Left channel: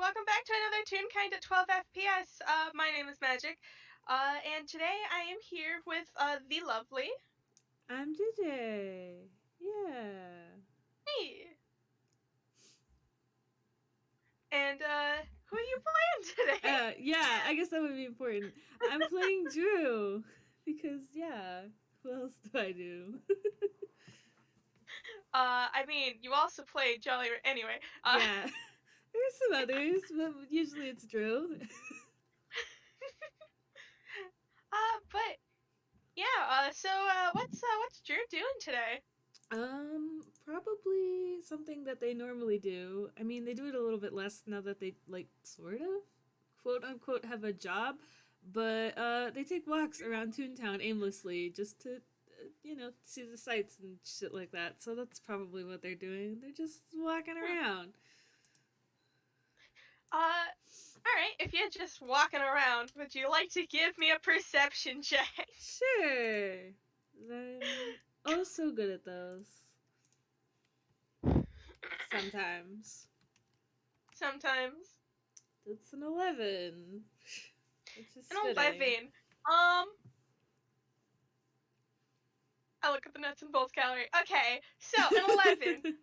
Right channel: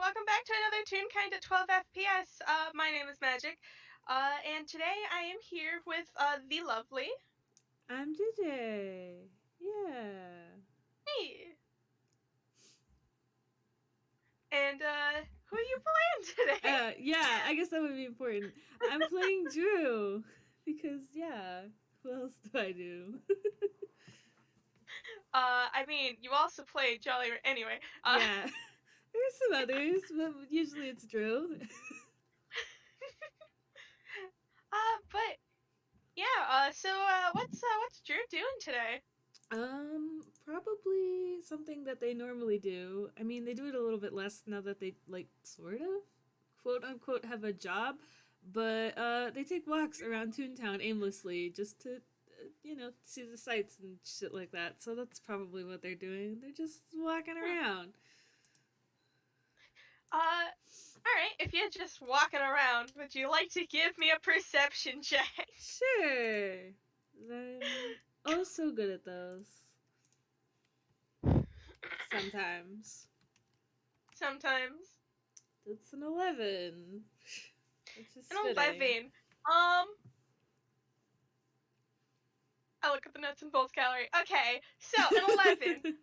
welcome back to another Toonkind at 12 FPS. My name is Magic, and today I am here with the lovely. I'm JayJay. Yeah. Hey, and who are you playing today? Yeah, I guess that would be important. I'm playing Drew. Because, yeah, who else do I do? I mean, you also play Jolly. Anyway, Yeah. There's some others, but usually it's Drew. but yeah. What's Drew doing today? Probably something that they normally do. I mean, they do it a little bit less now that they, like, sort of, quote unquote, have a job. But they take walks around Toontown aimlessly just to, see the sights and shit like that. So that's probably what they're doing. They're just walking Hmm. around. All right. If you're just walking around, would you like to give me a perception check? Sure. I'm oh so good at those. Sometimes. Sometimes. It's an 11. Which is An fitting. 11. I look at the nuts and bolts gallery. Okay, so an 11.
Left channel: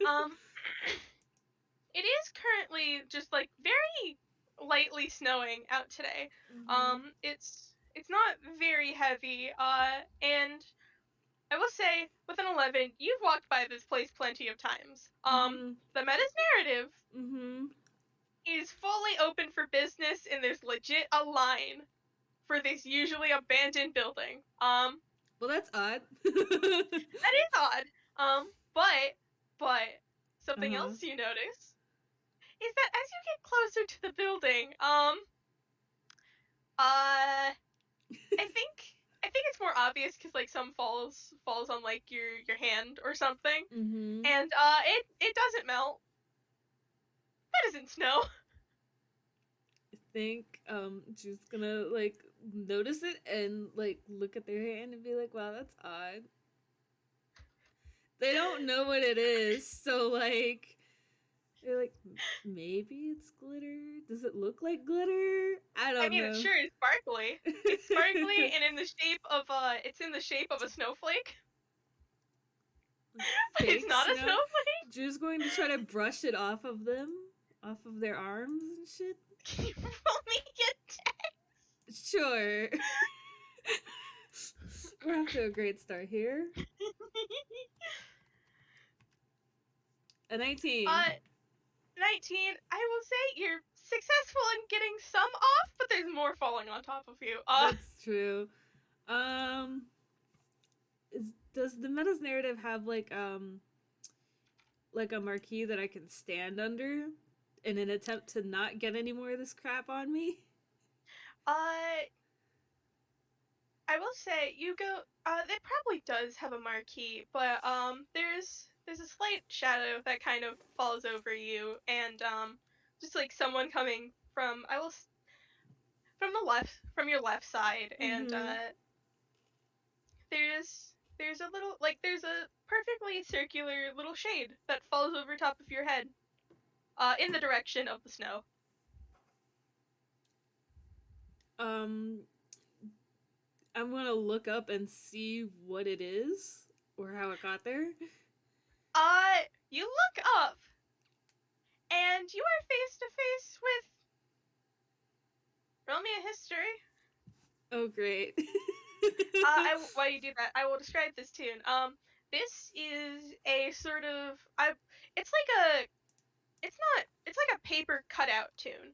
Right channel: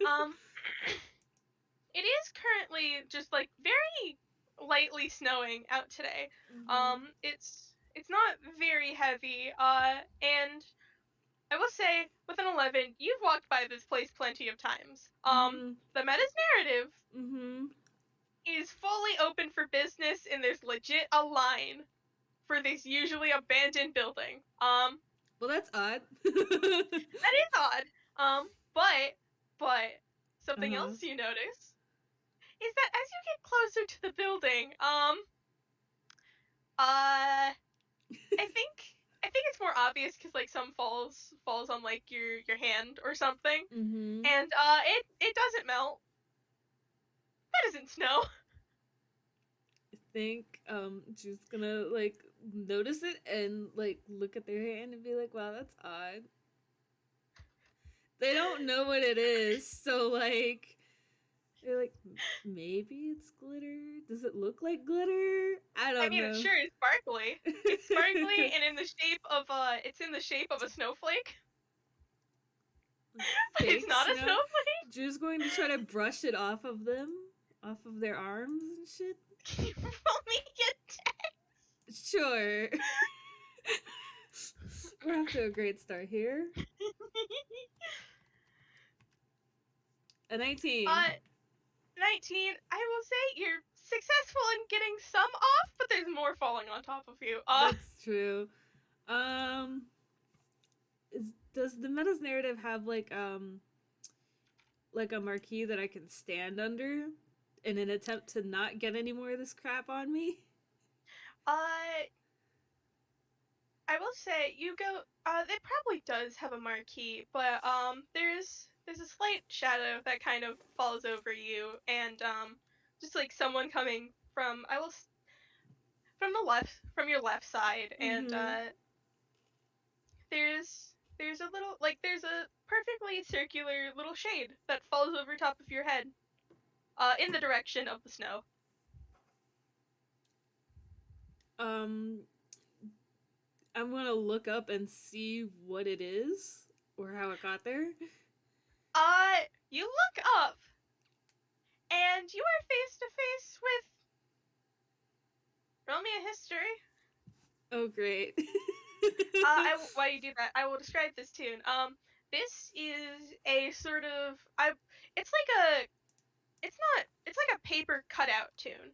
It is currently just like very lightly snowing out today. Mm-hmm. It's not very heavy. And I will say with an 11, you've walked by this place plenty of times. Mm-hmm. The meta's narrative Mm-hmm. is fully open for business, and there's legit a line for this usually abandoned building. Well, that's odd. That is odd. But something Uh-huh. else you notice is that as you get closer to the building, I think it's more obvious because like some falls on like your hand or something, Mm-hmm. and it doesn't melt. That isn't snow. I think she's gonna like notice it and like look at their hand and be like, wow, that's odd. They don't know what it is, so like they're like, maybe it's glitter. Does it look like glitter? I I don't mean, it know. sure is sparkly. It's sparkly and in the shape of it's in the shape of a snowflake, but it's Fake not a snow. snowflake. Drew's going to try to brush it off of them, off of their arms and shit. Can you roll me a Sure. We're off to a great start here. A 19. uh, 19, I will say you're successful in getting some off, but there's more falling on top of you. That's true. Um, does the meta's narrative have like a marquee that I can stand under in an attempt to not get any more of this crap on me? uh, I will say you go. It probably does have a marquee, but there's a slight shadow that kind of falls over you, and just like someone coming from from the left from your left side, and Mm-hmm. there's a little like there's a perfectly circular little shade that falls over top of your head, in the direction of the snow. Um, I'm gonna look up and see what it is or how it got there. You look up, and you are face to face with. Roll me a history. Oh, great. While you do that, I will describe this tune. This is a sort of it's like a paper cutout tune.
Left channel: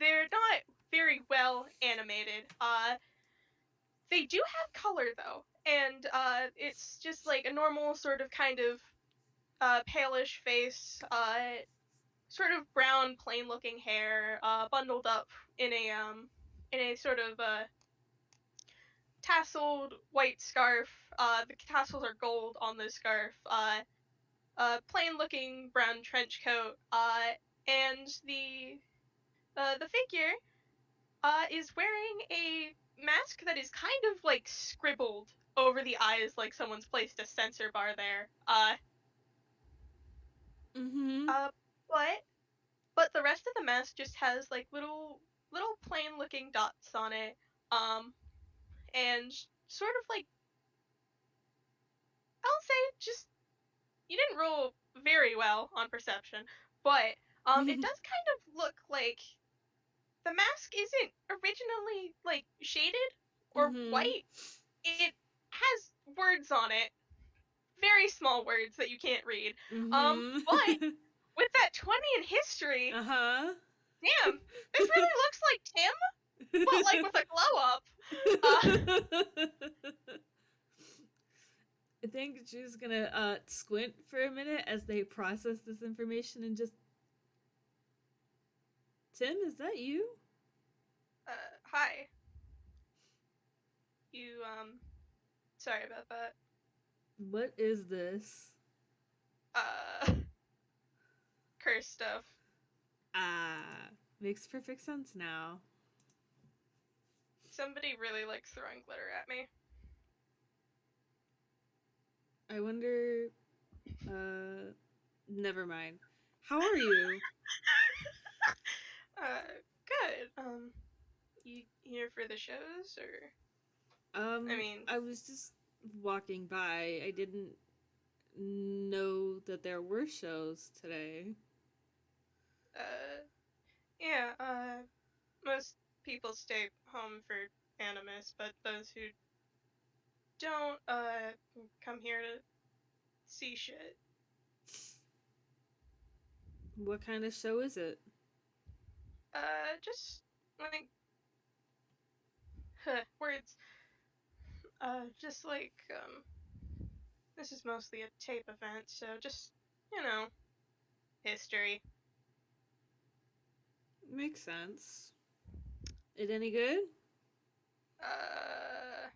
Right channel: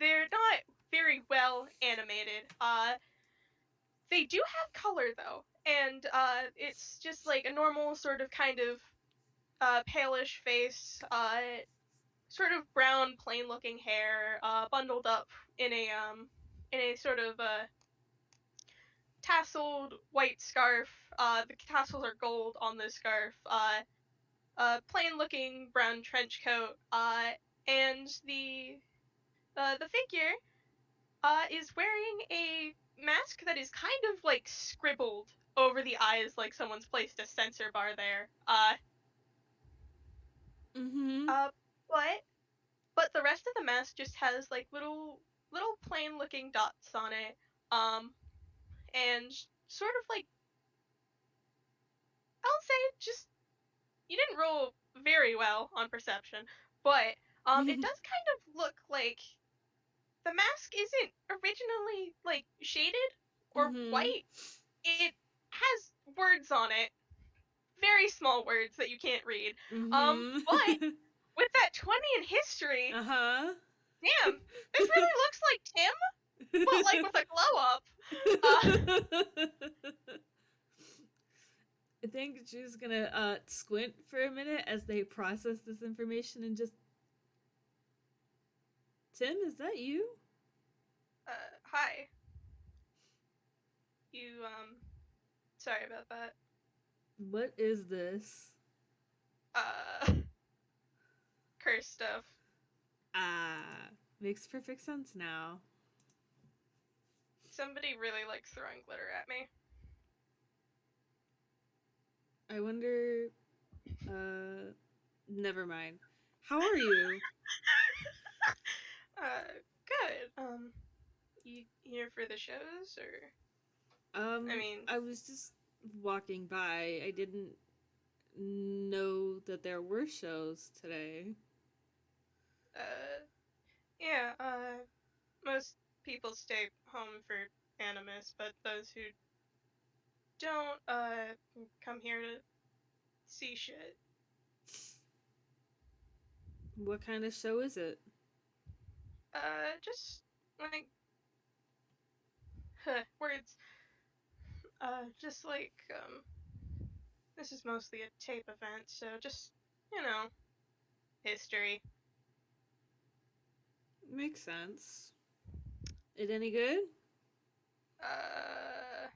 They're not very well animated. They do have color though, and it's just like a normal sort of kind of palish face, sort of brown, plain looking hair, bundled up in a sort of tasseled white scarf. The tassels are gold on the scarf. Plain looking brown trench coat. And the figure is wearing a mask that is kind of like scribbled over the eyes, like someone's placed a censor bar there. Mm-hmm. Uh, but but the rest of the mask just has like little plain looking dots on it. And sort of like, I'll say just, you didn't roll very well on perception, but it does kind of look like the mask isn't originally like shaded or Mm-hmm. white. It has words on it, very small words that you can't read. But Mm-hmm. with that 20 in history, Uh-huh. damn, this really looks like Tim, but like with a glow up. Uh, I think she's gonna squint for a minute as they process this information and just, Tim, is that you? Hi. You, sorry about that. What is this? Uh, curse stuff. Ah, makes perfect sense now. Somebody really likes throwing glitter at me. I wonder. Never mind. How are you? Good. You here for the shows, or? I mean, I was just walking by. I didn't know that there were shows today. uh, yeah, most people stay home for Animas, but those who don't, come here to see shit. What kind of show is it? Just, like, words. Just like, this is mostly a tape event, so just, you know, history. Makes sense. It any good? Uh,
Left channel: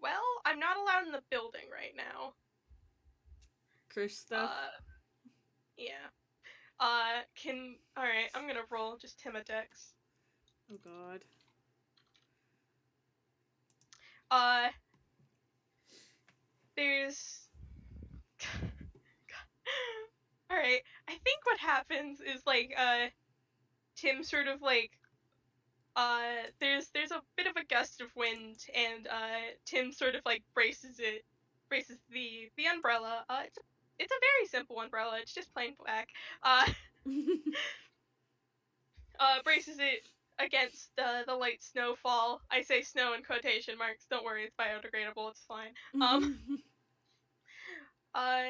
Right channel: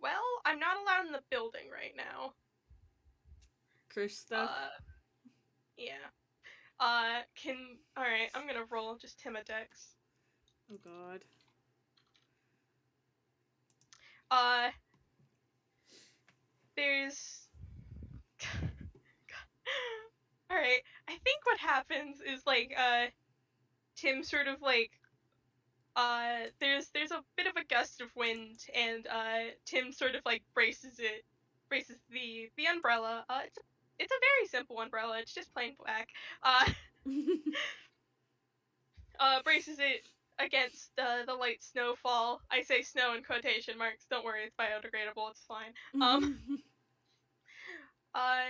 well, I'm not allowed in the building right now. Curse stuff? Uh, yeah. Alright, I'm gonna roll just him a dex. Oh god. Uh, there's. Alright, I think what happens is, like, Tim sort of, like, there's a bit of a gust of wind, and, Tim sort of, like, braces the umbrella. It's a very simple umbrella, it's just plain black. Uh, braces it against the light snowfall. I say snow in quotation marks. Don't worry, it's biodegradable. It's fine. Uh,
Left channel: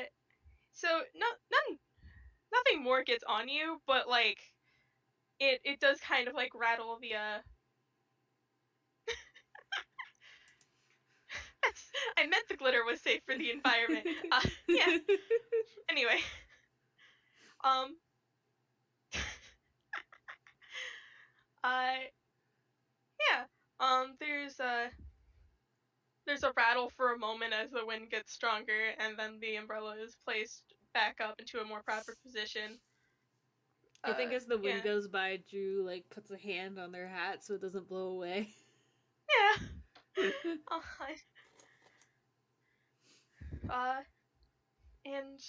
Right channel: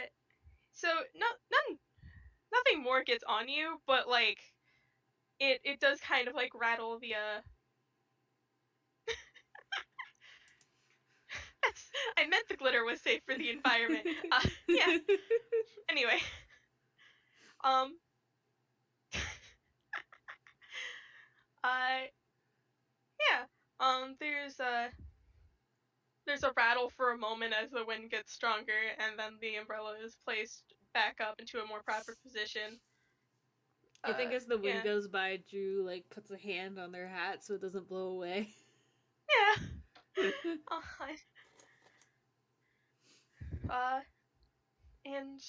so nothing more gets on you, but like it does kind of like rattle the I meant the glitter was safe for the environment. Yeah. Anyway, um, uh, yeah. There's a rattle for a moment as the wind gets stronger, and then the umbrella is placed back up into a more proper position. I think as the wind Yeah, goes by, Drew like puts a hand on their hat so it doesn't blow away. yeah. Uh, uh, and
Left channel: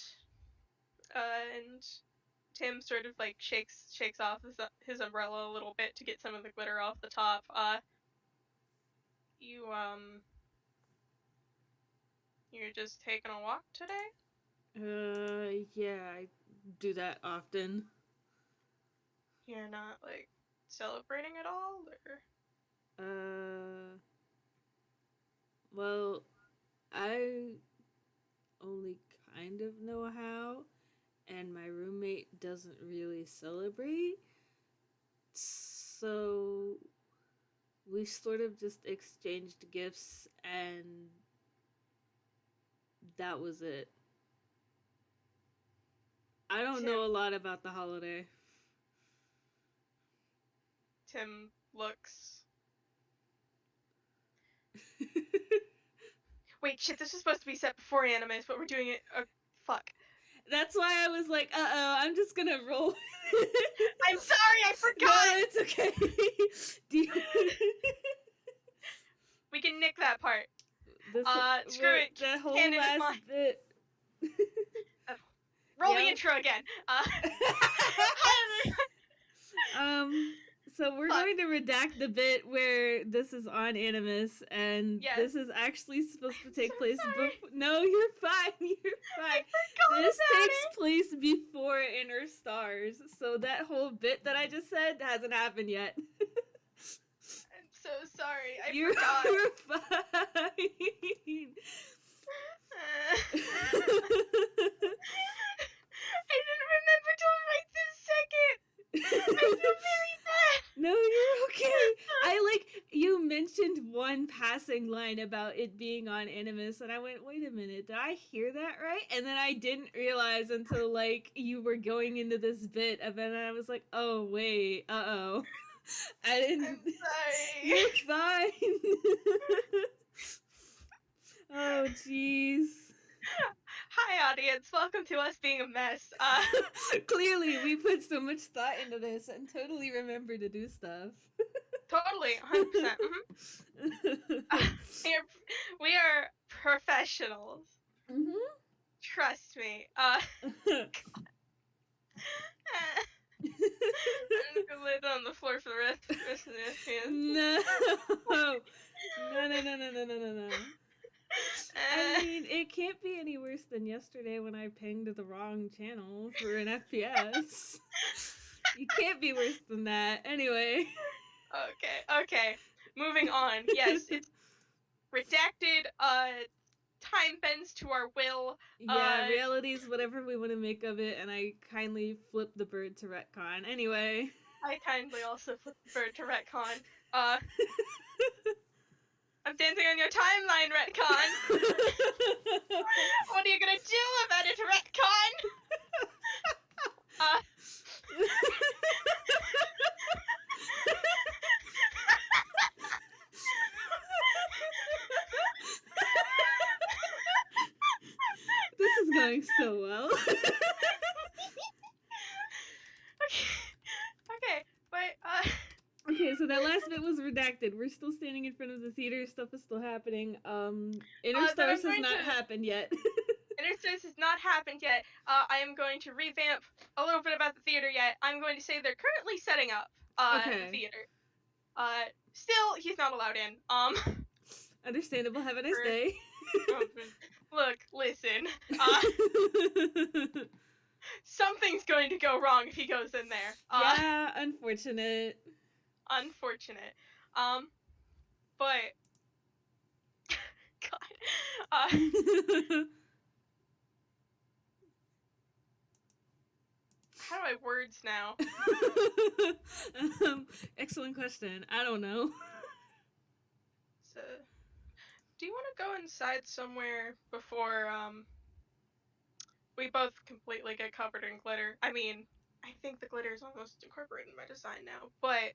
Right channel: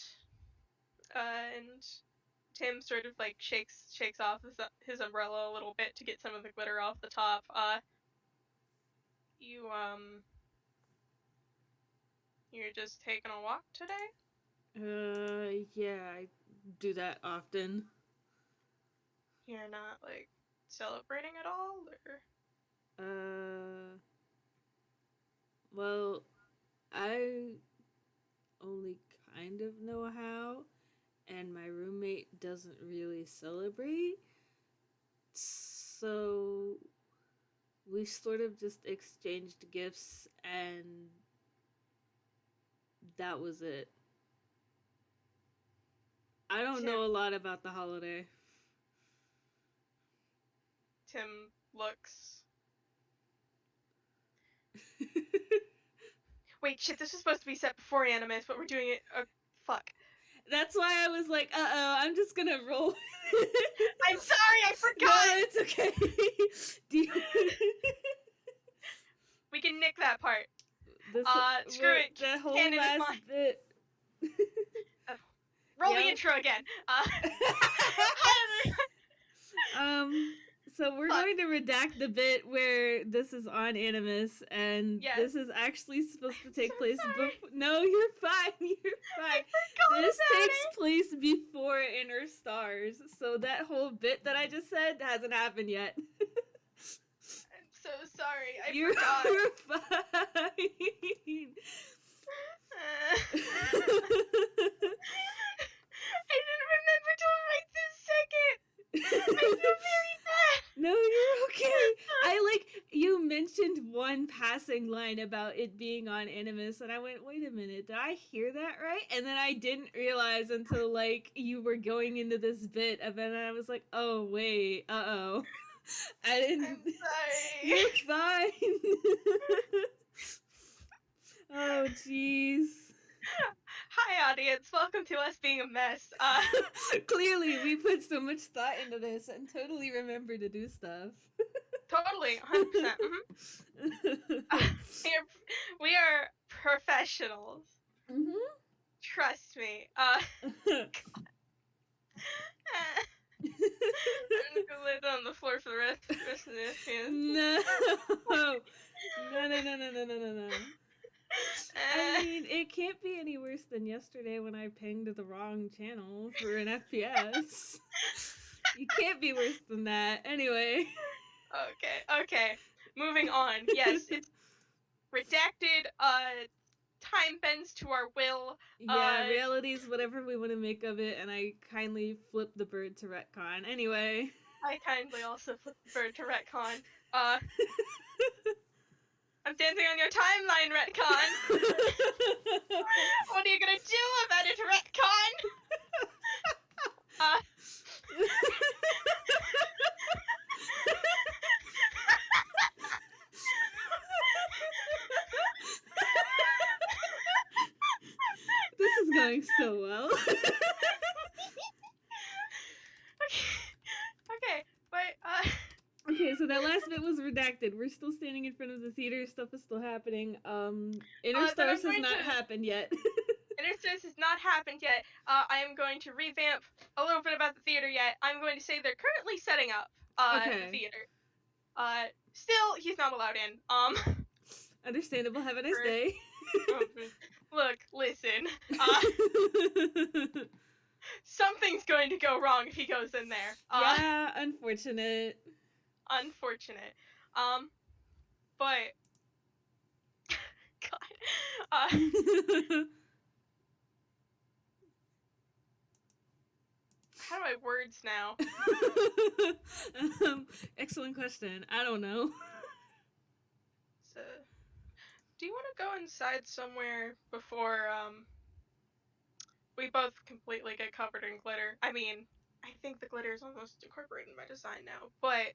and Tim sort of like shakes off his umbrella a little bit to get some of the glitter off the top. You you're just taking a walk today? Yeah, I do that often. You're not like celebrating at all, or? Uh, well, I only kind of know how, and my roommate doesn't really celebrate. So we sort of just exchanged gifts, and that was it. I don't Tim know a lot about the holiday. Tim looks. Wait, shit! This was supposed to be set before Animus, but we're doing it. Fuck. That's why I was like, I'm just gonna roll. I'm sorry, I No, forgot. it's okay. Do you... We can nick that part. This, Screw it. the whole Canon last decline. bit. Roll the Yeah. intro again. So we're Fuck. going to redact the bit where this is on Animas, and Yes. this is actually supposed to take So place sorry. before. No, you're fine. You're I fine. forgot This about takes it. place before Inner Stars, so that whole bit that I just said hasn't happened yet. I'm so sorry. I You're forgot. fine. I didn't remember till right this second. I feel very bad. No, you're okay. You mentioned one passing line about it being on Animus, and I went, wait a minute, did I hear that right? And then I didn't realize until, you were going into this bit of it, and I was like, oh, wait, uh-oh. I didn't... I'm sorry. You're fine. Oh, jeez. Hi, audience. Welcome to us being a mess. Clearly, we put so much thought into this and totally remember to do stuff. Totally, 100%. We are professionals. Mm-hmm. Trust me. I'm gonna lay down on the floor for the rest of this. Yeah. No. No. I mean, it can't be any worse than yesterday when I pinged the wrong channel for an FPS. You can't be worse than that. Anyway. Okay. Moving on. Yes, it's redacted. Time bends to our will. Yeah, reality's whatever we want to make of it, and I kindly flipped the bird to retcon. Anyway. I kindly also flipped the bird to retcon. I'm dancing on your timeline, retcon. What are you gonna do about it, retcon? This is going so well. Okay, but Okay, so that last bit was redacted. We're still standing in front of the theater. Stuff is still happening. Inner Stars has not happened yet. Inner Stars has not happened yet. I am going to revamp a little bit about the theater yet. I'm going to say they're currently setting up the theater. Still, he's not allowed in. Understandable. Have a nice day. Look, listen. Something's going to go wrong if he goes in there. Yeah, unfortunate. Unfortunate. But God. How do I words now? Excellent question. I don't know. So, do you want to go inside somewhere before we both completely get covered in glitter? I mean, I think the glitter is almost incorporated in my design now, but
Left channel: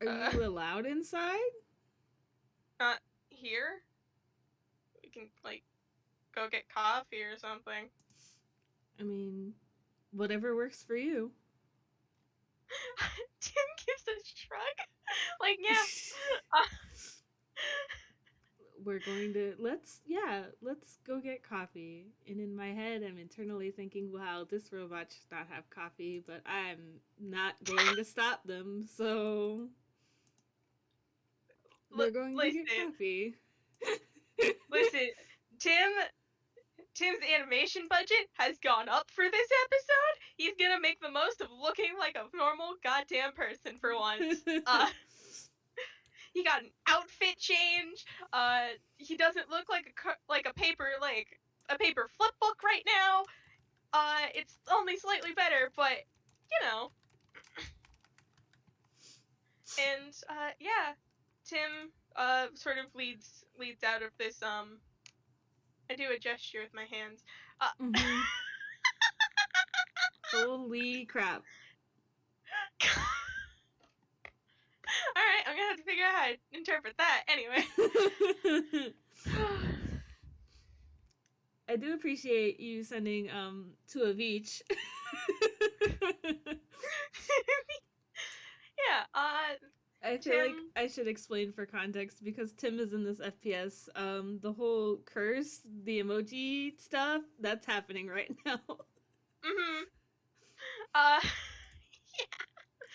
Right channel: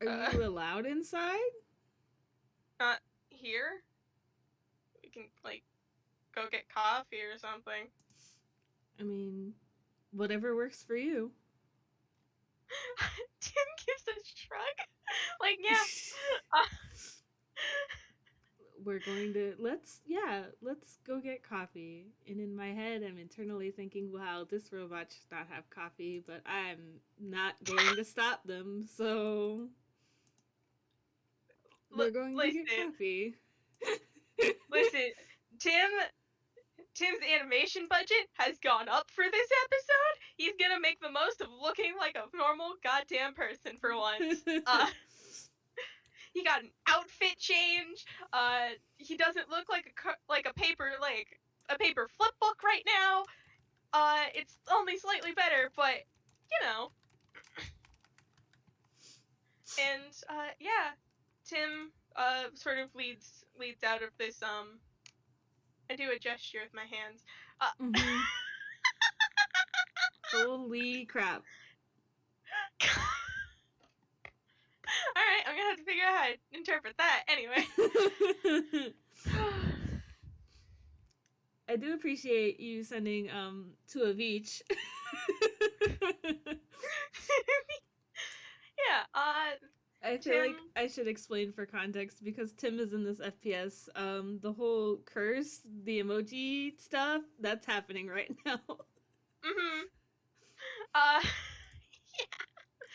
are you allowed inside? Not here. We can go get coffee or something. I mean, whatever works for you. Tim gives a shrug. Yeah. We're going to let's go get coffee. And in my head I'm internally thinking, wow, this robot should not have coffee, but I'm not going to stop them, so we're going to get coffee. Listen, Tim's animation budget has gone up for this episode. He's gonna make the most of looking like a normal goddamn person for once. He got an outfit change. He doesn't look like a paper flip book right now. It's only slightly better, but you know. And yeah, Tim sort of leads out of this. I do a gesture with my hands. Mm-hmm. Holy crap. Alright, I'm gonna have to figure out how to interpret that. Anyway. I do appreciate you sending two of each. Yeah, I feel like I should explain for context because Tim is in this FPS. The whole curse, the emoji stuff, that's happening right now. Mm-hmm.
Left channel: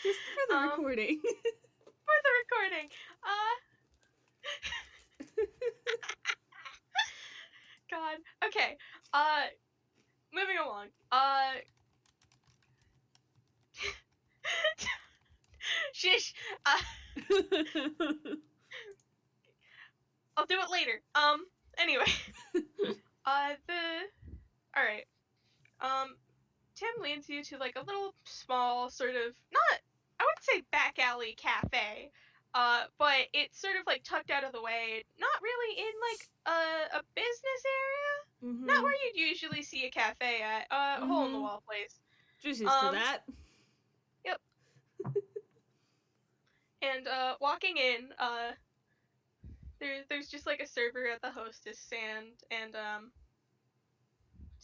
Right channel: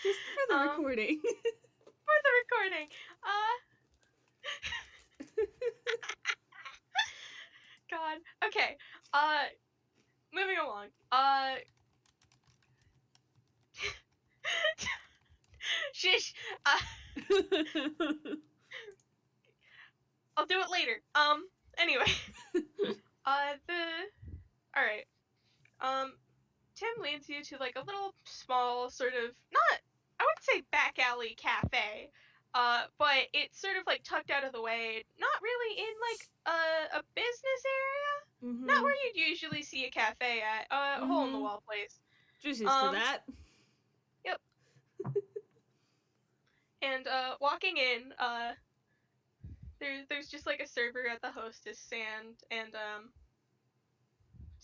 Just for the Um, recording. for the recording. God. Okay. Uh, moving along. Shish. I'll do it later. Anyway. All right. Um, Tim leads you to like a little small sort of not I wouldn't say back alley cafe, but it's sort of like tucked out of the way, not really in like a business area, not Mhm. where you'd usually see a cafe at, a hole in the Mhm. wall place. Just used to Um, that. yep. And walking in, there's just like a server at the hostess stand, and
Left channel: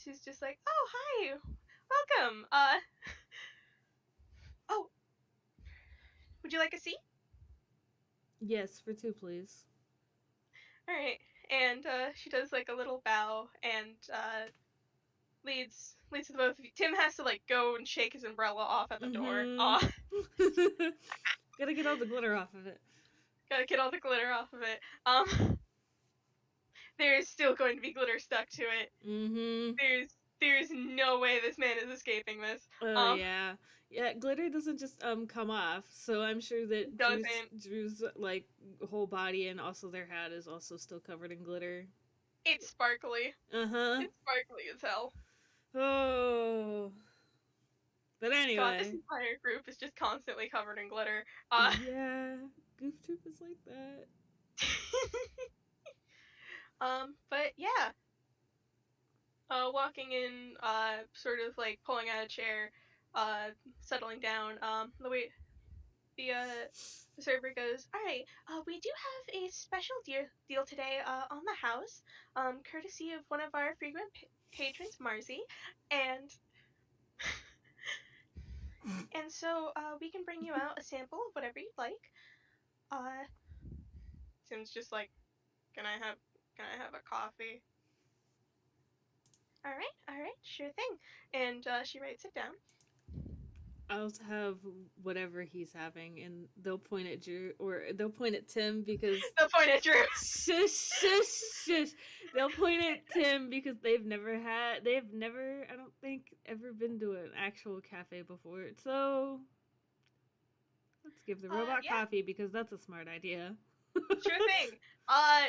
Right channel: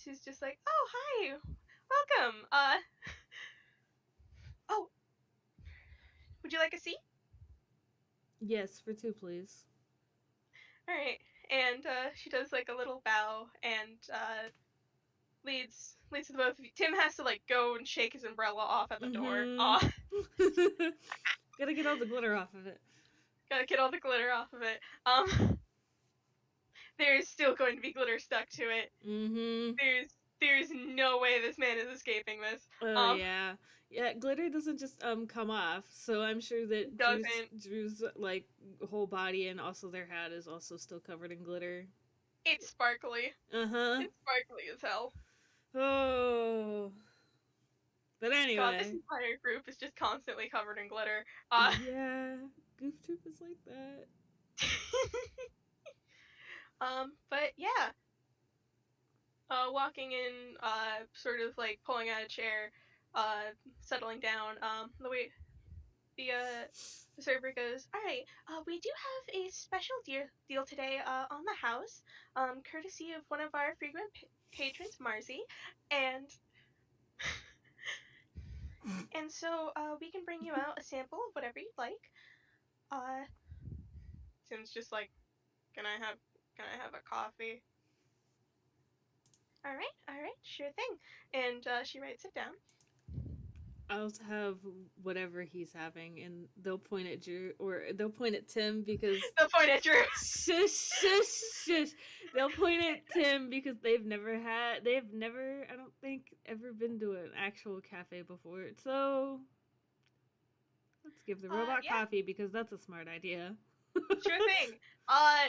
she's just like, oh hi, welcome. Oh, would you like a seat? Yes, for two, please. All right. And she does like a little bow and leads to the both of you. Tim has to like go and shake his umbrella off at the door. Mhm. Gotta get all the glitter off of it. Gotta get all the glitter off of it. There's still going to be glitter stuck to it. Mhm. There's no way this man is escaping this. Oh yeah, yeah. Glitter doesn't just come off, so I'm sure that Doesn't. Drew's like whole body and also their hat is also still covered in glitter. It's sparkly. Uh huh. It's sparkly as hell. Oh. But God, this anyway, entire group is just constantly covered in glitter. yeah, Goof Troop is like that. But yeah, walking in, sort of like pulling out a chair, settling down. The server goes, all right, we do have a special deal today, on the house, courtesy of one of our frequent patrons, Marcy, and so we can bring you out a sample of whatever you'd like. Uh, Tim's just like, can I have a coffee? All right, sure thing. And she writes it down. I'll have whatever he's having, and they'll point at Drew or they'll point at Tim because The point at Drew. shush, shush, shush. They'll point at Tim because they've never, I don't think, ever been to an actual cafe before. So let's give the robot Yeah, coffee because that's a smart idea. sure thing. Uh,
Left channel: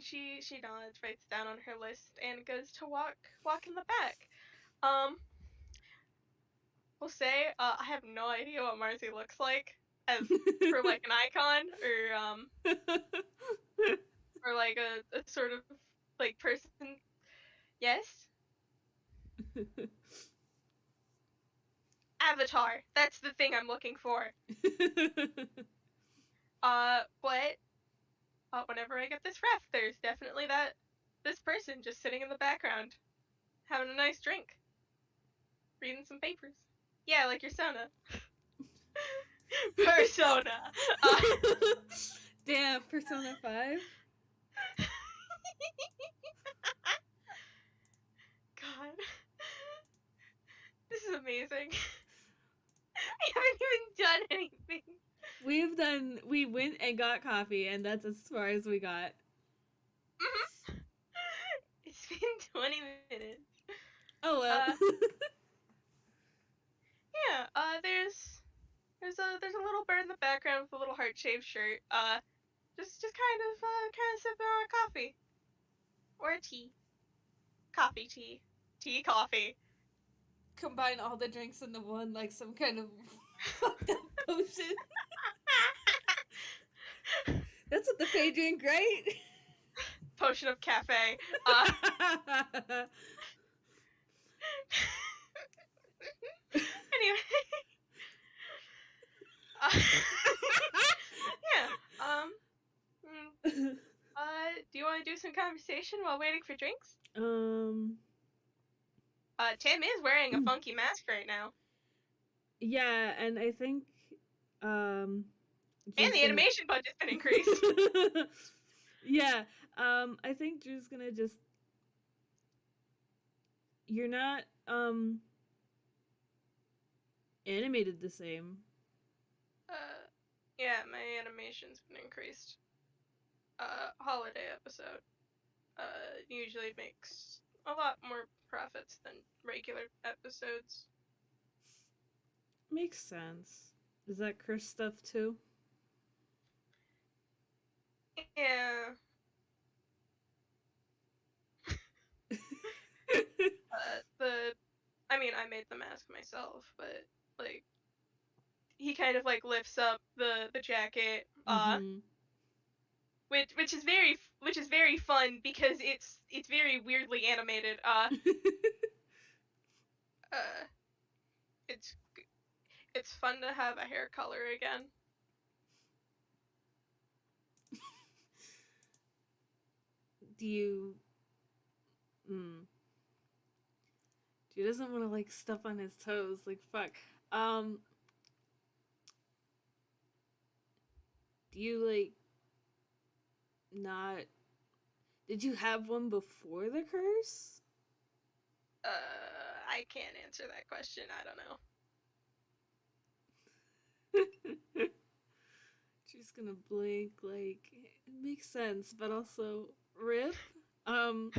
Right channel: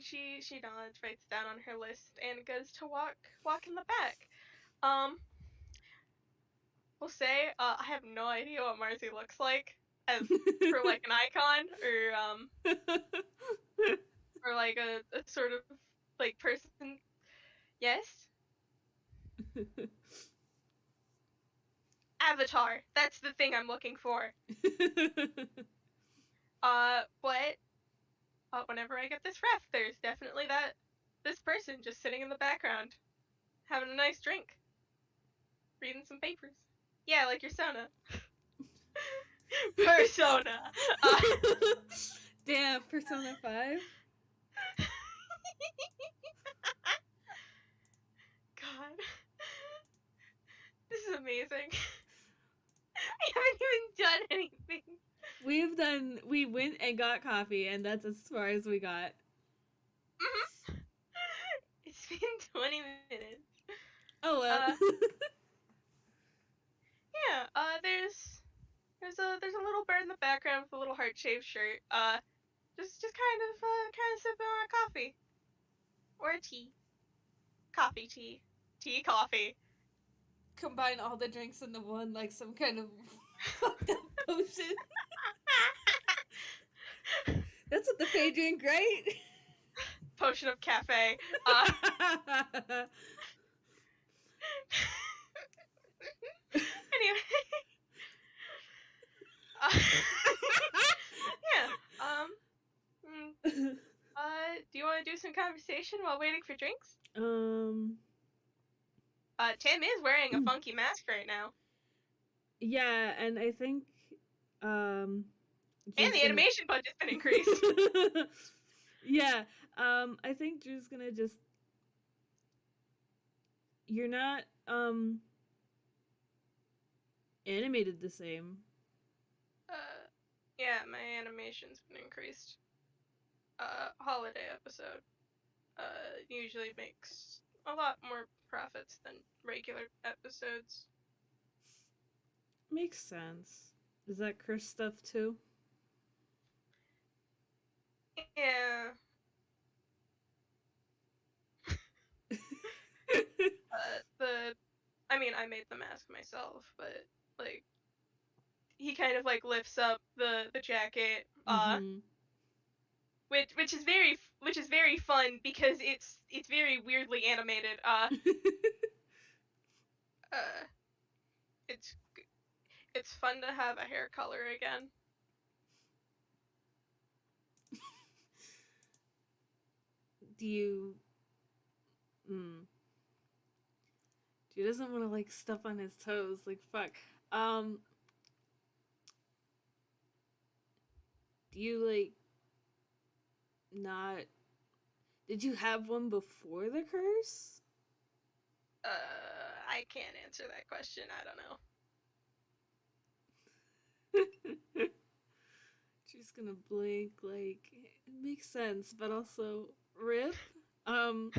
she nods, writes down on her list, and goes to walk in the back. Um, we'll say, I have no idea what Marcy looks like as for like an icon or like a sort of like person. Yes, avatar. That's the thing I'm looking for. But whenever I get this ref, there's definitely this person just sitting in the background, having a nice drink, reading some papers. Yeah, like your Sona. Persona. Uh, Damn, Persona 5? God, this is amazing. I haven't even done anything. We went and got coffee, and that's as far as we got. Mm-hmm. It's been 20 minutes. Oh well. Yeah. There's a little bird in the background with a little heart-shaped shirt. Just kind of sipping on a coffee or a tea. Coffee, tea, coffee. Combine all the drinks into one like some kind of fucked up potion. That's what the Fae drink, right? Potion of cafe. Anyway. Yeah. Do you want to do some conversation while waiting for drinks? Tim is wearing a funky mask right now. Yeah, and I think And the animation budget's been increased. Yeah, I think Drew's gonna just. You're not animated the same. animation's been increased. Holiday episode usually makes a lot more profits than regular episodes. Makes sense. Is that curse stuff too? Yeah. I mean, I made the mask myself, but like he kind of like lifts up the jacket, Mm-hmm. which is very fun because it's very weirdly animated. Uh, it's it's fun to have a hair color again. Do you? Mm. He doesn't want to like step on his toes. Like fuck. Um. Do you like not? Did you have one before the curse? I can't answer that question. I don't know. She's gonna blink. Like it makes sense, but also rip. Um.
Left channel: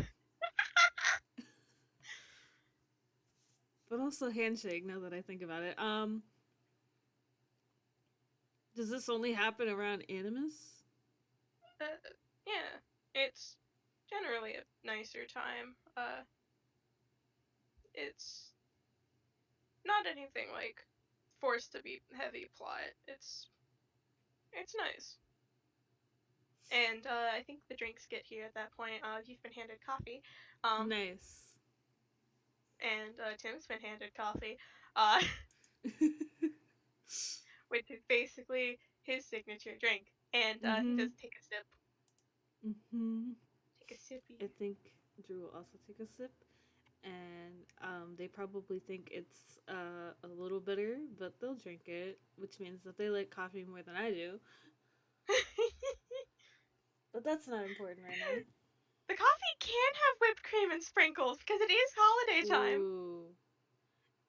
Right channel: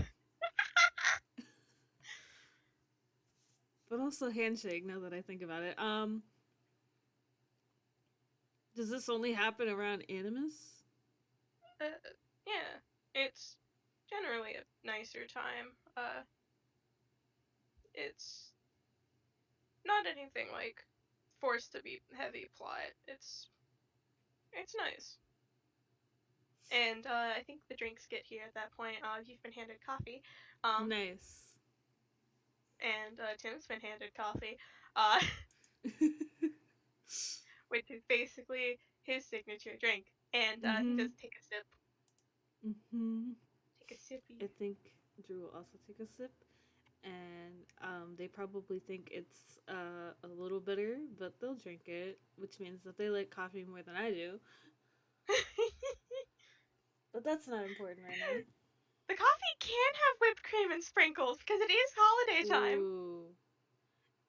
But also handshake. Now that I think about it. Does this only happen around Animus? Yeah, it's generally a nicer time. It's not anything like forced to be heavy plot. It's nice. And I think the drinks get here at that point. You've been handed coffee, Nice. and Tim's been handed coffee, uh, which is basically his signature drink. And he Mm-hmm. does take a sip. Mm-hmm. Take a sippy. I think Drew will also take a sip, and they probably think it's a little bitter, but they'll drink it, which means that they like coffee more than I do. But that's not important right now. The coffee can have whipped cream and sprinkles because it is holiday time. Ooh.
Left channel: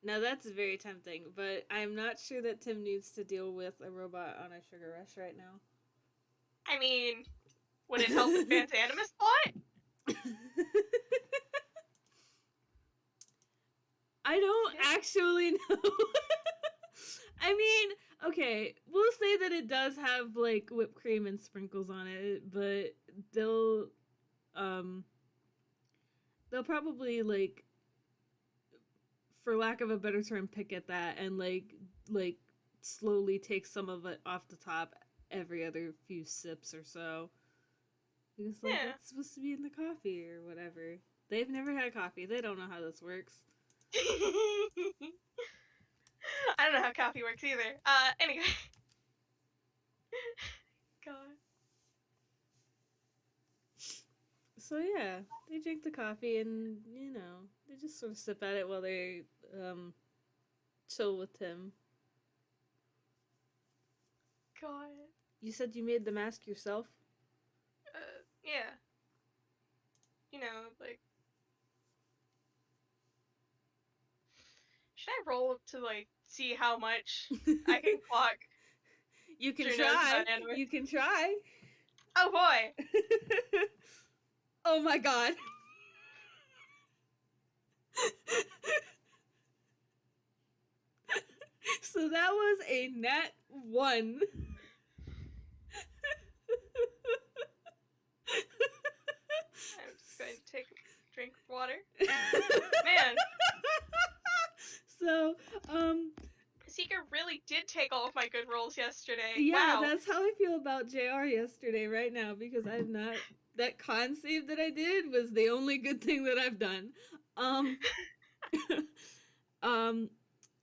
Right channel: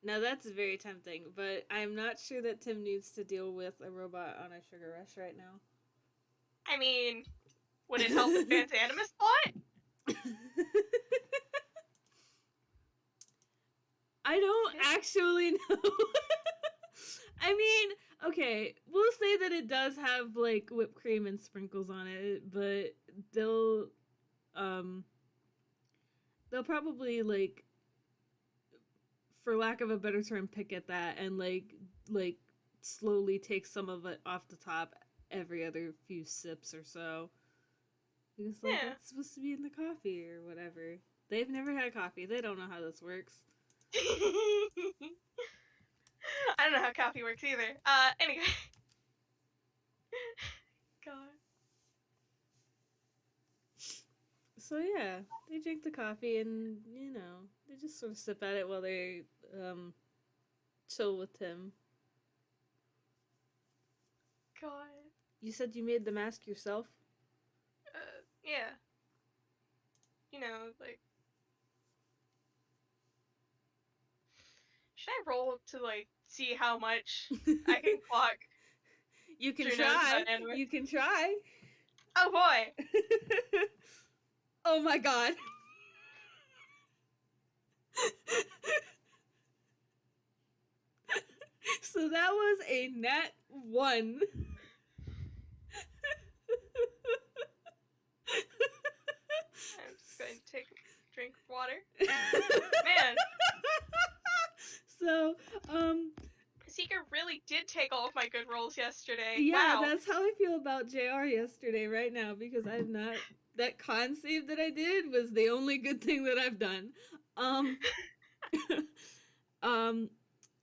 Now that's very tempting, but I'm not sure that Tim needs to deal with a robot on a sugar rush right now. I mean, would it help advance Animas plot? I don't actually know. I mean, okay, we'll say that it does have like whipped cream and sprinkles on it, but they'll um they'll probably like, for lack of a better term, pick at that and like slowly take some of it off the top every other few sips or so. Because like Yeah. that's supposed to be in the coffee or whatever. They've never had coffee. They don't know how this works. I don't know how coffee works either. Anyway. God. So yeah, they drink the coffee and they just sort of sip at it while they um chill with Tim. God. You said you made the mask yourself? Yeah. You know, like, should I roll to like see how much I can clock You can Drew knows try. about Animas? You can try. Oh boy. Oh my god. So that was a nat 1. I'm just going to take a drink of water. Man. So, Seeker really did take all of my good rolls yesterday. yeah, Wow. that's how I feel about JR yesterday right now, because I've not, that con save that I did was the only good thing that I've done. Um,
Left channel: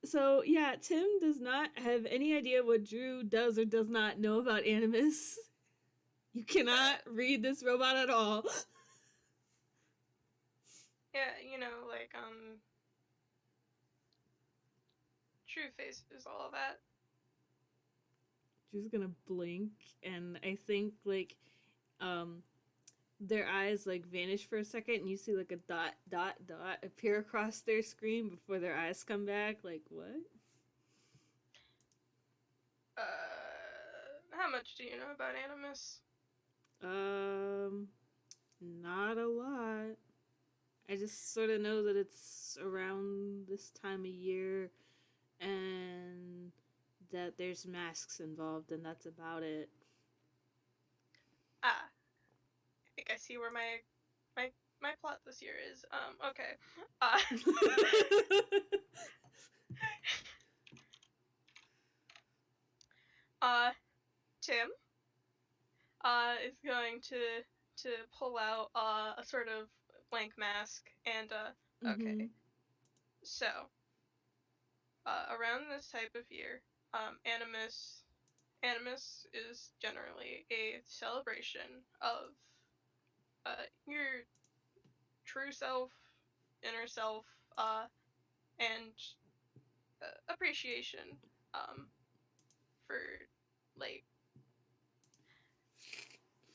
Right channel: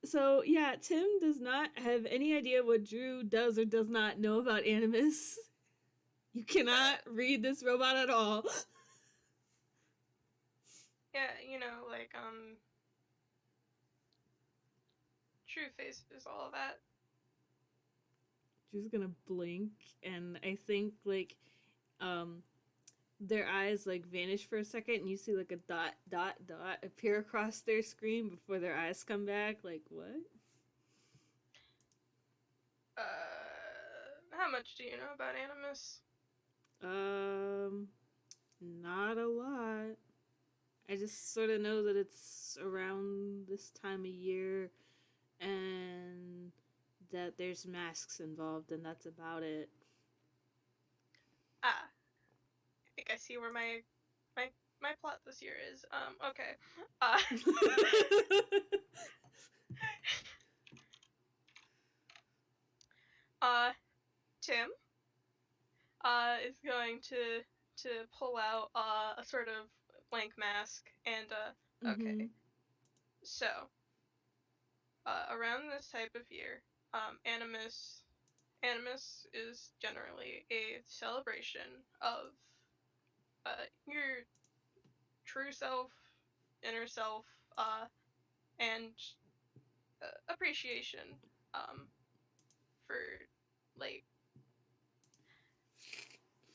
so yeah, Tim does not have any idea what Drew does or does not know about Animus. You cannot read this robot at all. Yeah, you know, like, true faces, all of that. Drew's gonna blink, and I think like their eyes like vanish for a second, and you see like a dot appear across their screen before their eyes come back. Like what? How much much do you know about Animus? Um, not a lot. I just sort of know that it's around this time of year and that there's masks involved, and that's about it. Ah, I think I see where my my plot this year is. Okay. Uh, uh, Tim, is going to pull out a sort of blank mask and okay. Mm-hmm. So, around this type of year, Animus is generally a celebration of your true self, inner self, and appreciation um, for like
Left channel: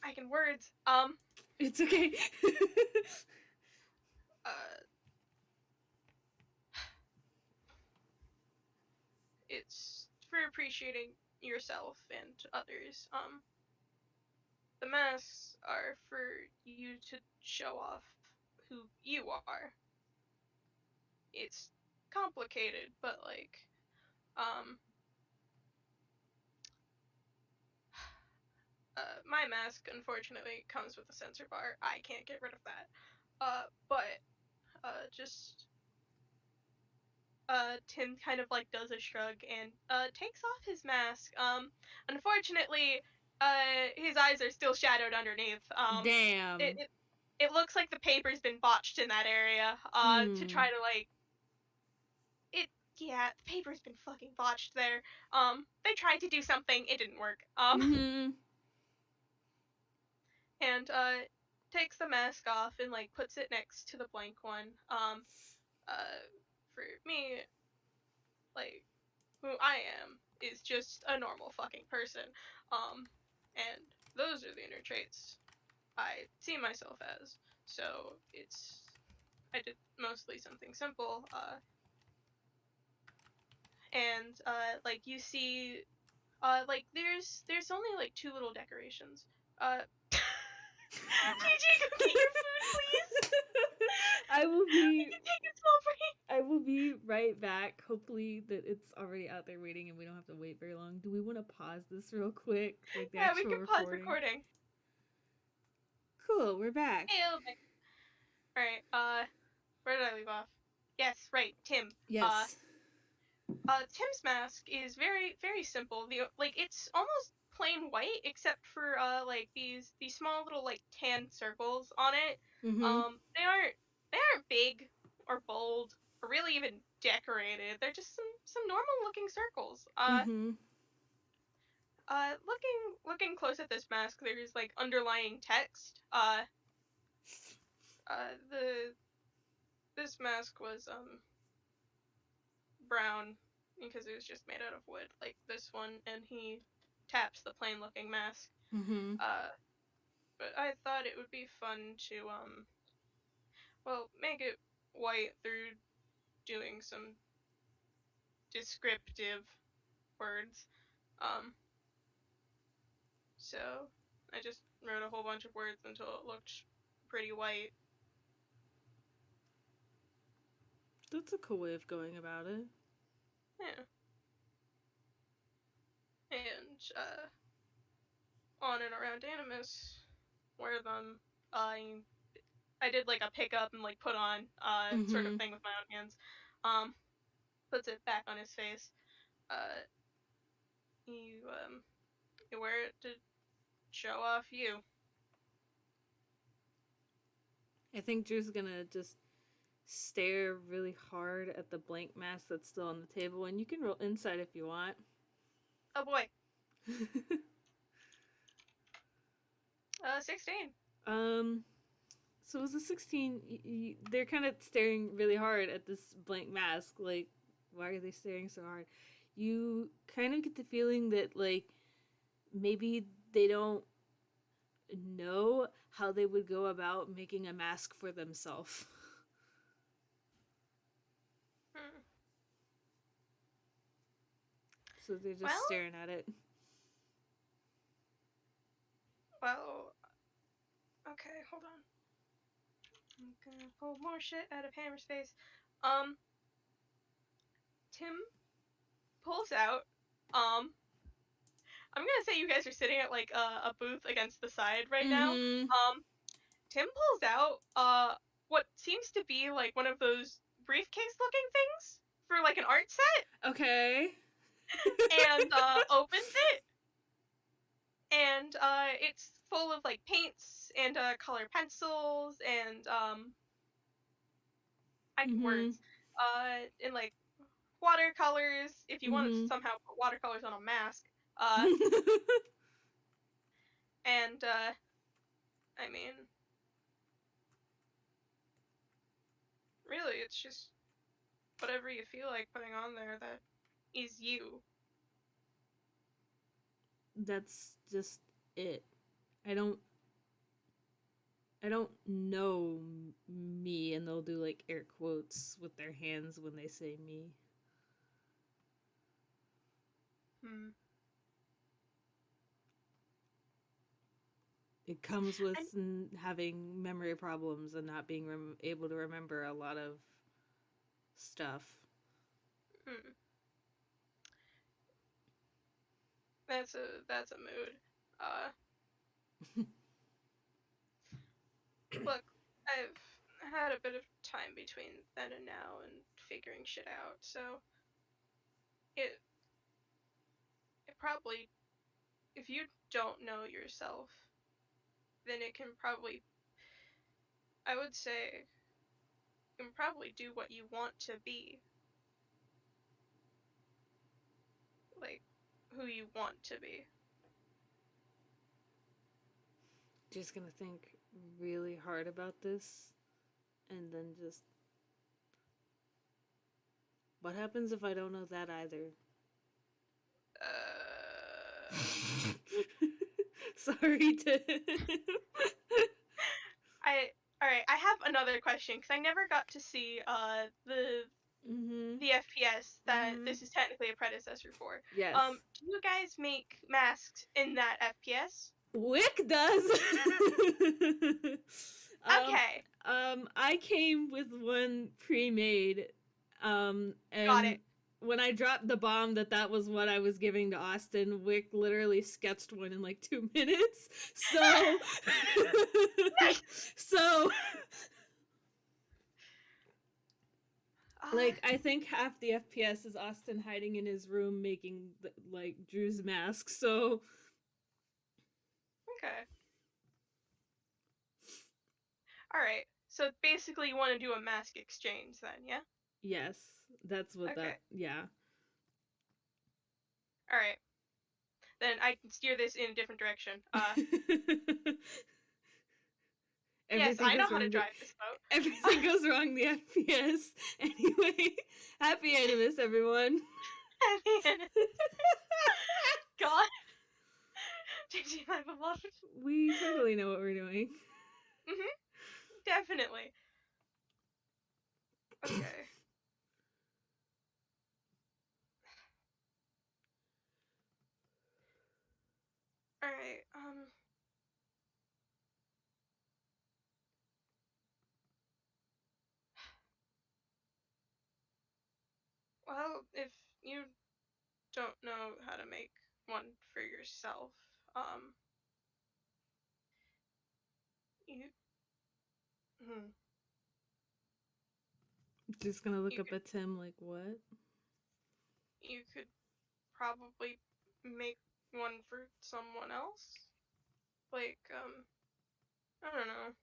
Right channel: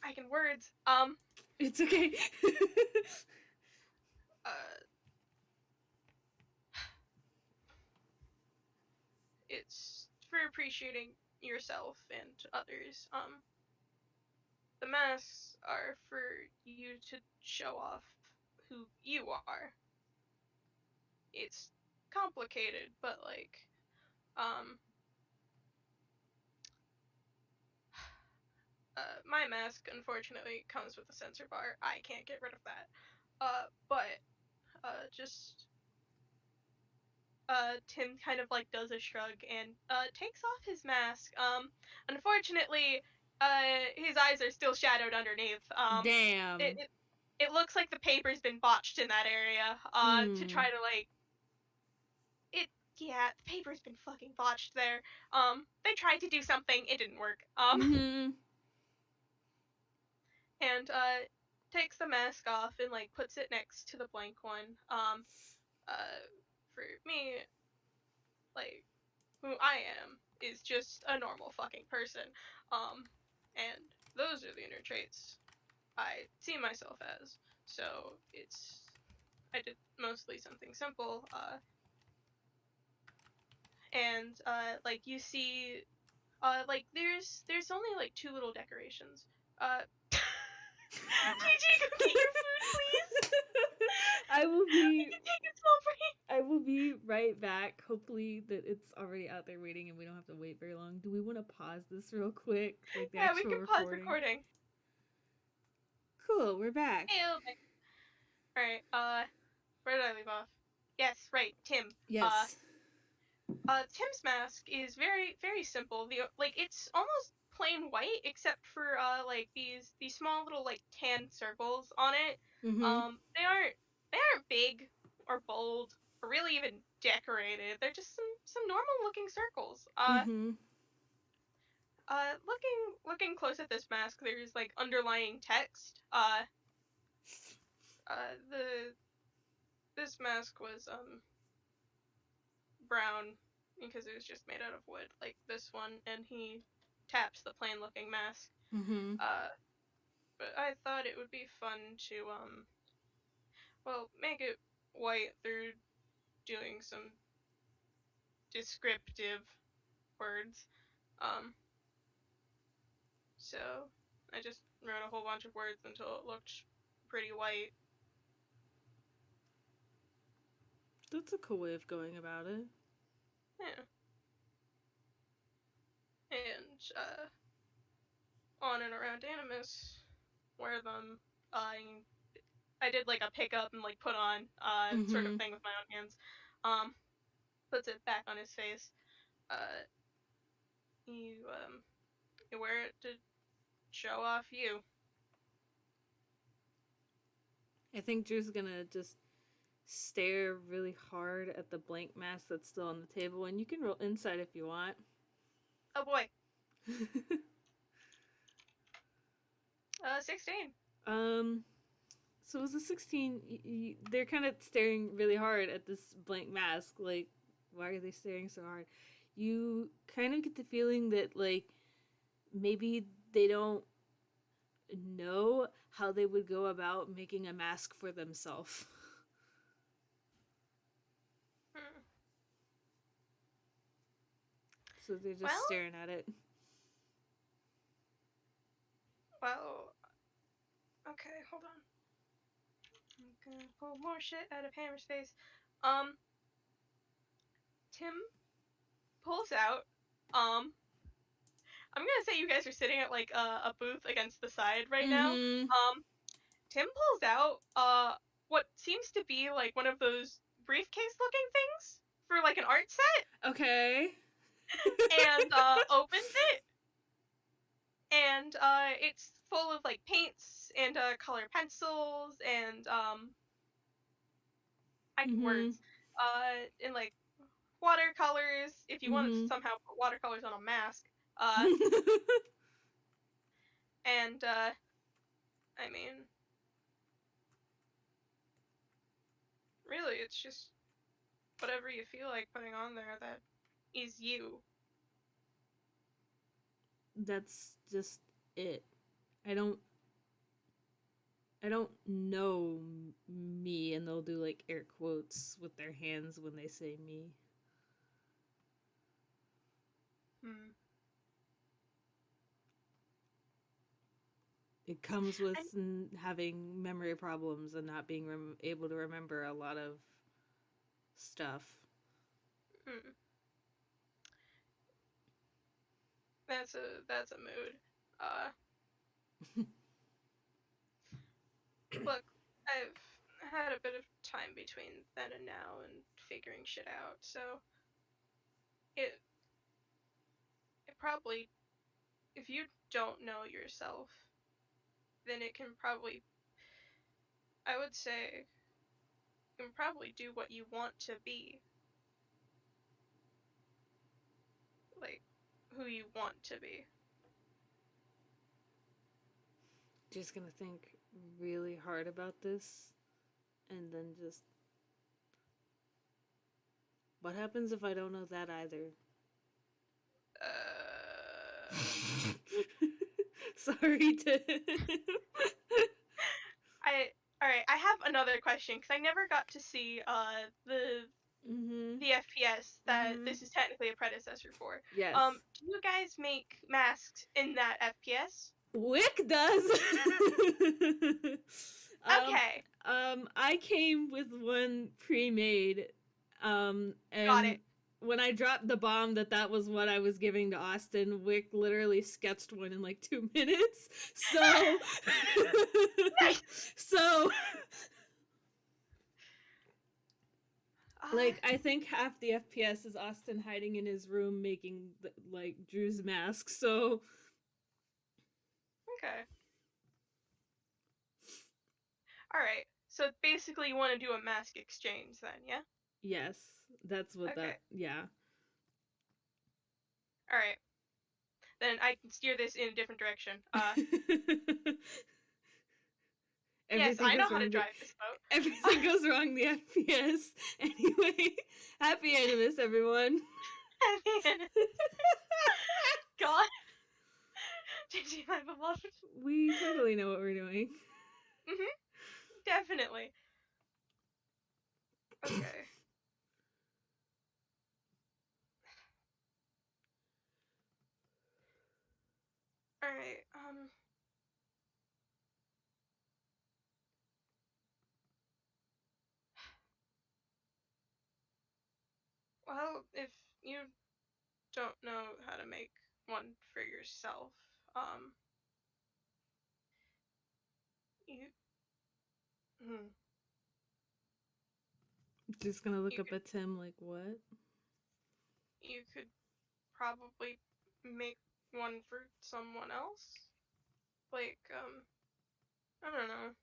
I can words. It's okay. Uh, it's for appreciating yourself and others. The masks are for you to show off who you are. It's complicated, but like, um, my mask unfortunately comes with a sensor bar. I can't get rid of that. But just Tim kind of like does a shrug and takes off his mask. Unfortunately, his eyes are still shadowed underneath. It, Damn. it it looks like the paper's been botched in that area. To Hmm. try to like it. Yeah, the paper's been fucking botched there. They tried to do something, it didn't work. Mm-hmm. And takes the mask off and like puts it next to the blank one. For me, like who I am is just a normal fucking person. And those are the inner traits I see myself as. So I did mostly something simple. And like you see, like there's only like two little decorations. JayJay, go get your food, please. I will We be can take a small break. I will be right back. Hopefully that it's already out there waiting and we don't have to wait very long. Do we want to pause this real quick? Like the Yeah, we actual can pause recording? recording. Cool, we're back. Hey, okay. All right. Where did I leave off? Yes, right. Tim. Uh, Yes. Tim's mask is very, very simple. Like it's almost plain white except for like these small little like tan circles on it. Mm-hmm. They aren't big or bold or really even decorated. They're just some normal looking circles. Mm-hmm. Looking close at this mask, there's like underlying text. The this mask was brown because it was just made out of wood, like this one, and he taps the plain looking mask. Mm-hmm. Uh, but I thought it would be fun to well, make it white through doing some descriptive words. Um, so I just wrote a whole bunch of words until it looked pretty white. That's a cool way of going about it. Yeah, and on and around Animus, wear them. I did like a pick up and like put on sort of Mm-hmm. thing with my own hands. Um, puts it back on his face. Uh, you wear it to show off you. I think Drew's gonna just stare really hard at the blank mask that's still on the table, and you can roll insight if you want. Oh boy, 16. um, so as a 16, they're kind of staring really hard at this blank mask. Like, why are they staring so hard? You kind of get the feeling that, like, maybe they don't know how they would go about making a mask for themselves. Hmm. So they're just Well, staring at it. Well, okay, hold on. I'm gonna pull more shit out of Hammer's face. Um, Tim pulls out. I'm gonna say you guys are sitting at like a booth against the side right now. Mm-hmm. Tim pulls out what seems to be like one of those briefcase looking things for like an art set, Okay. and opens it, and it's full of like paints and color pencils and Mm-hmm. words and like watercolors if you want to Mm-hmm. somehow put watercolors on a mask. And I mean, really, it's just whatever you feel like putting on there that is you. That's just it. I don't I don't know me, and they'll do like air quotes with their hands when they say me. Hmm. It comes with And having memory problems and not being able to remember a lot of stuff. hmm, that's a mood. Uh, Look, I've had a bit of time between then and now and figuring shit out, so it it probably, if you don't know yourself, then it can probably, I would say, you can probably do what you want to be, like who you want to be. Just gonna think really hard about this, and then just what happens if I don't know that either? Uh, Sorry to. I all right. I have another question because I never got to see Mhm. the FPS that Mhm. this is technically a predecessor for. Yes. Do you guys make masks in that FPS? Wick does. um, Okay, I came with one pre-made, got and it. when I dropped the bomb that was what I was giving to Austin, Wick literally sketched one in like 2 minutes. So, Nice. so Uh, like I think half the FPS is Austin hiding in his room making like Drew's mask. So okay. All right. So basically, you want to do a mask exchange then, yeah? yes, that's what Okay. that. Yeah. All right. Then I can steer this in a different direction. Yes, Everything I know goes how to wrong. drive this boat. Everything goes wrong. The FPS. Anyway, happy Animus, everyone. God, did you my beloved? We totally know what we're doing. Mhm. Definitely. Okay. All right. Well, if you don't know how to make one for yourself, um, you, hmm, Just gonna look you up could at Tim like, what? you could probably make one for someone else. Like, I don't know,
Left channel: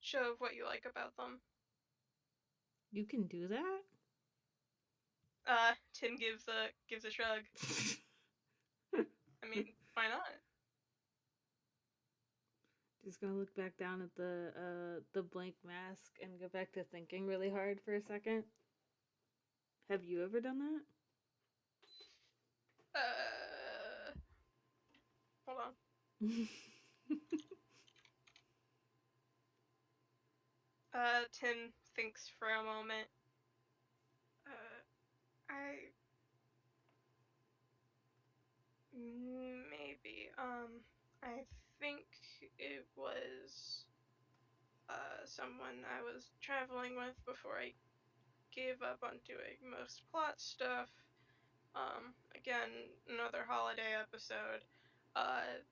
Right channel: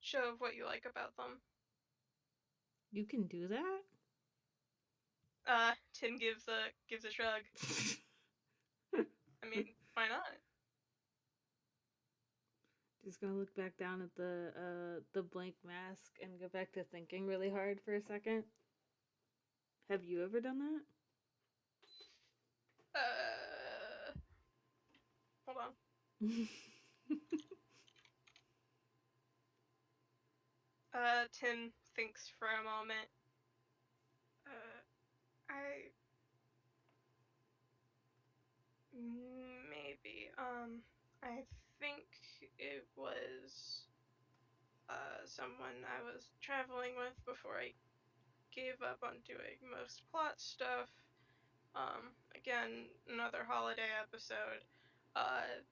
show what you like about them. You can do that? Tim gives a shrug. I mean, why not? Just gonna look back down at the blank mask and go back to thinking really hard for a second. Have you ever done Uh, Hold on. that? Tim thinks for a moment. I maybe. I it was someone I was traveling with before I gave up on doing most plot stuff. Again, another holiday episode.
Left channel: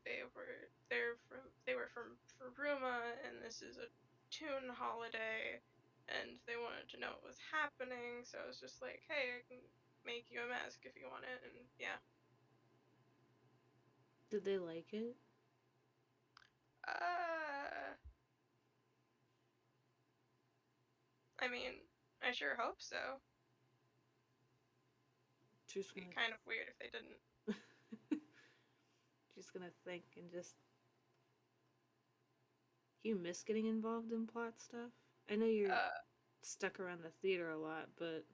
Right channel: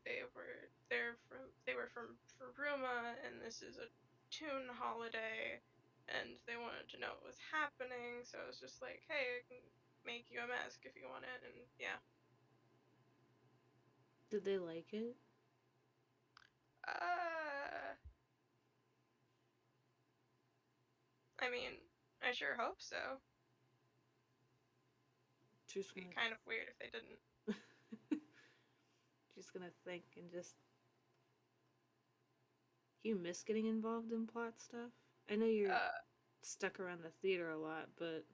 They were from Faruma, and this is a Toon holiday, and they wanted to know what was happening. So I was just like, hey, I can make you a mask if you want it, and yeah. Did they like it? Uh, I mean, I sure hope so. Just It'd be gonna, kind of weird if they didn't. just gonna think and just. You miss getting involved in plot stuff? I know you're Uh, stuck around the theater a lot, but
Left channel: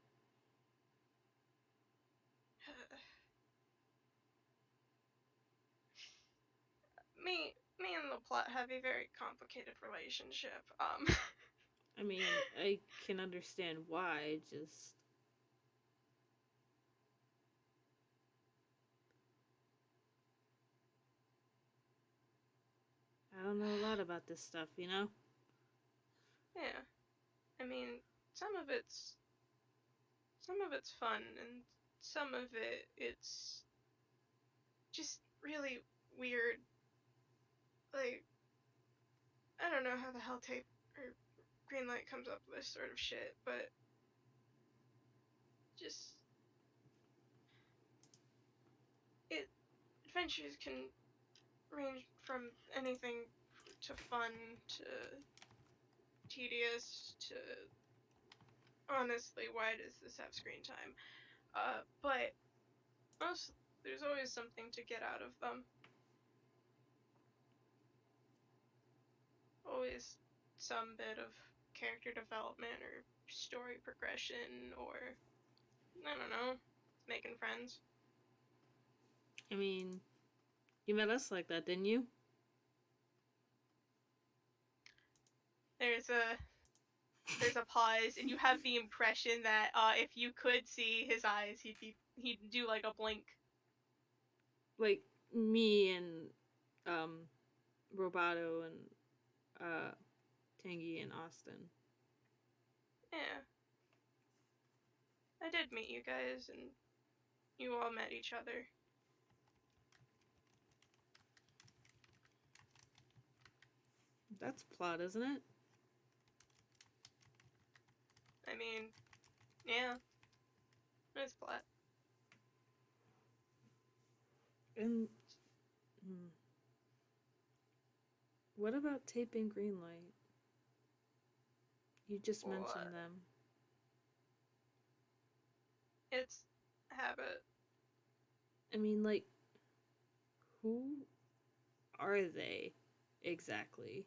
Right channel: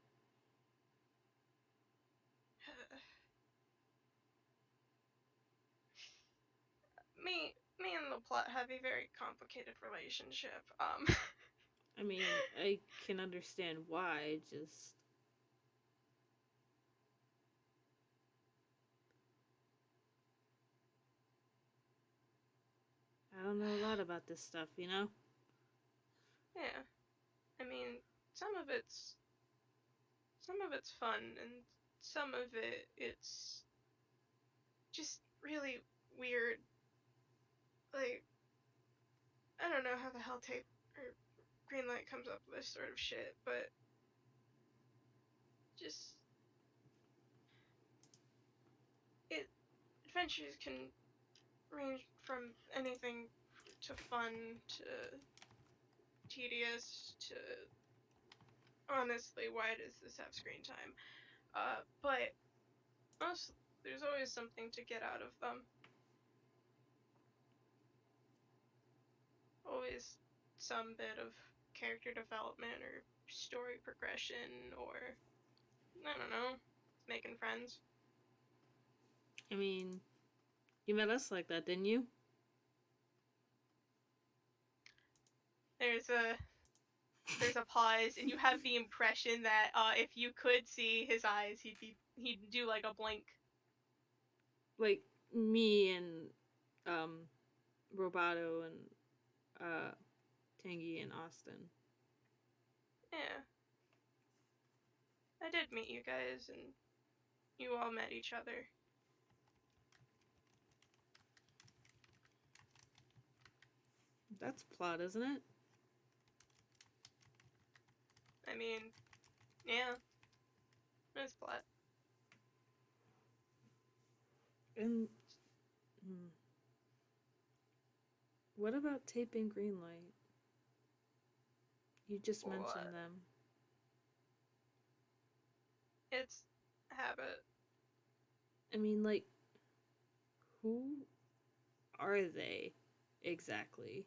me and the plot have a very complicated relationship. I mean, I can understand why. Just I don't know a lot about this stuff, you know? Yeah. I mean, some of it's some of it's fun, and some of it's just really weird. Like, I don't know how the hell tape or Greenlight comes up with this sort of shit, but just it adventures can range from anything to fun to tedious to honestly, why does this have screen time? But honestly, there's always something to get out of them. Always some bit of character development or story progression or I don't know, making friends. I mean, you met us like that, didn't you? There's a there's a pause and you have the impression that if you could see his eyes, he'd do like a blink. Like me and um Roboto and uh Tangy and Austin. Yeah. I did meet you guys and you all met each other. That's plot, isn't it? I mean, yeah, it's plot. And hmm, what about Tape and Greenlight? You just mentioned What? them. It's habit. I mean, like, who are they exactly?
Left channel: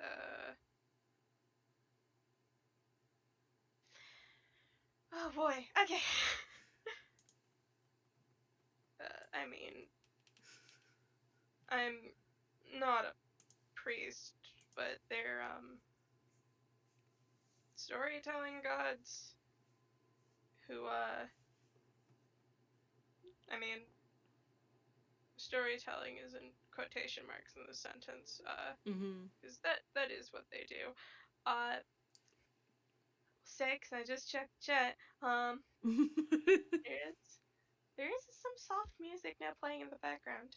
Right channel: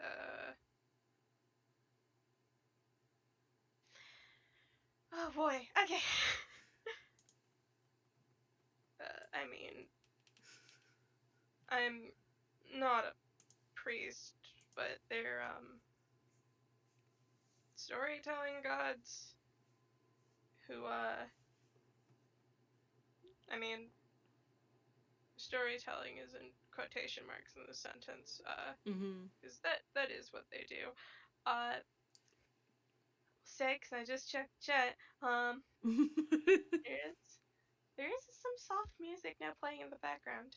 Uh oh boy. Okay. I mean, I'm not a priest, but they're storytelling gods who I mean storytelling is in quotation marks in the sentence, Mm-hmm. because that is what they do. Uh 6, I just checked chat. There's there is some soft music now playing in the background.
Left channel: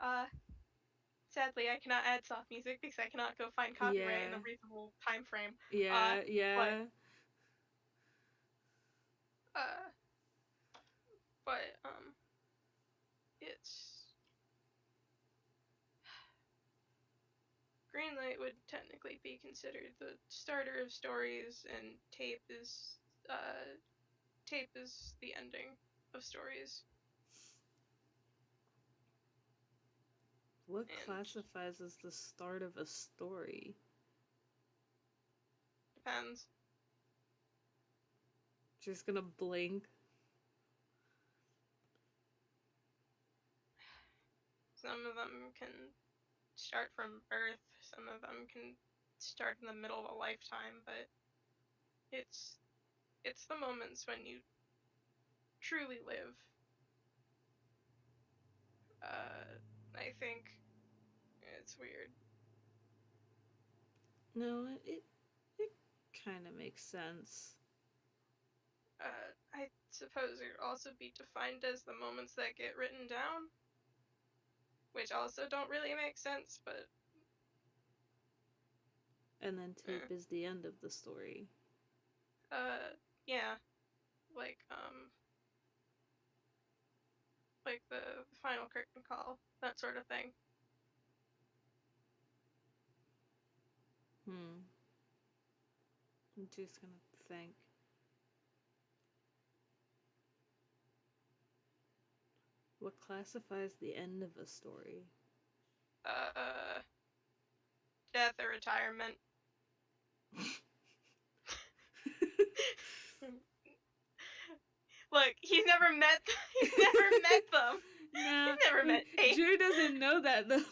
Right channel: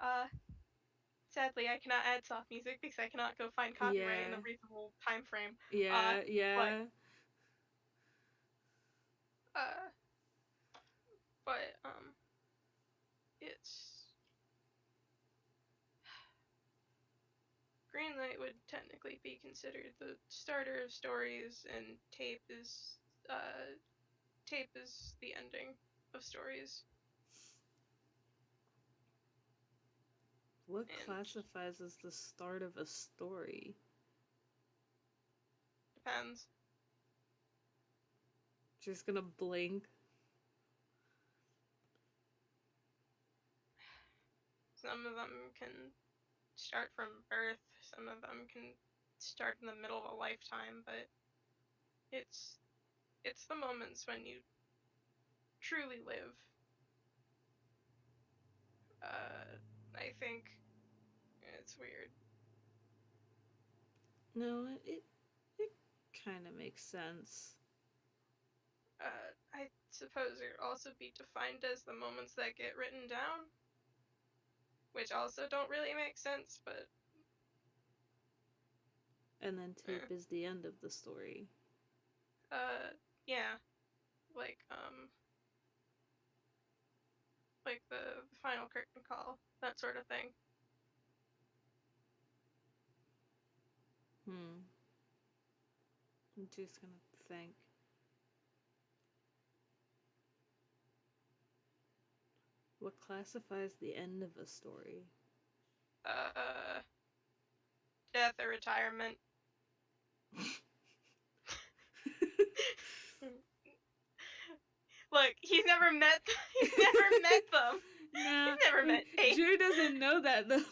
Uh Sadly I cannot add soft music because I cannot go find copyright in Yeah. a reasonable time frame. Uh Yeah, but yeah. uh but it's Greenlight would technically be considered the starter of stories, and uh, tape is the ending of stories. What And classifies as the start of a story? depends. Just gonna blink. Some of them can start from birth. Some of them can start in the middle of a lifetime. But it's it's the moments when you truly live. I think. it's weird. No, it kind of makes sense. I suppose it would also be defined as the moments that get written down, which also don't really make sense, but And then eh. tape is the end of the story. Yeah, like like the final curtain call, that sort of thing. I'm just gonna think. What classifies the end of a story? Uh, Death or retirement. Look, he's never met. He's never met them. No, He's never met Tate. Drew doesn't know that though.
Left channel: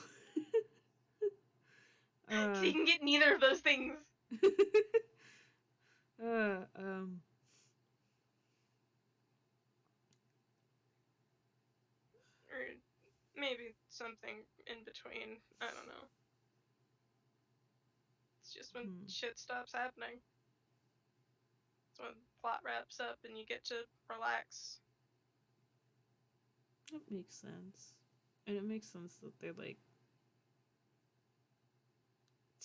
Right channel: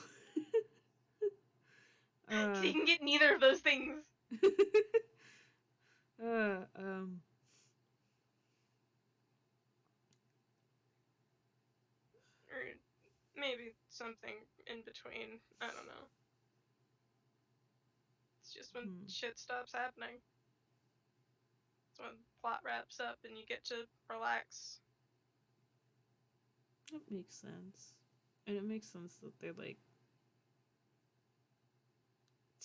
So he can get neither of those things. uh, Or maybe something in between. I don't know. It's just when shit stops happening. It's when plot wraps up and you get to relax. That makes sense. And it makes sense that they're like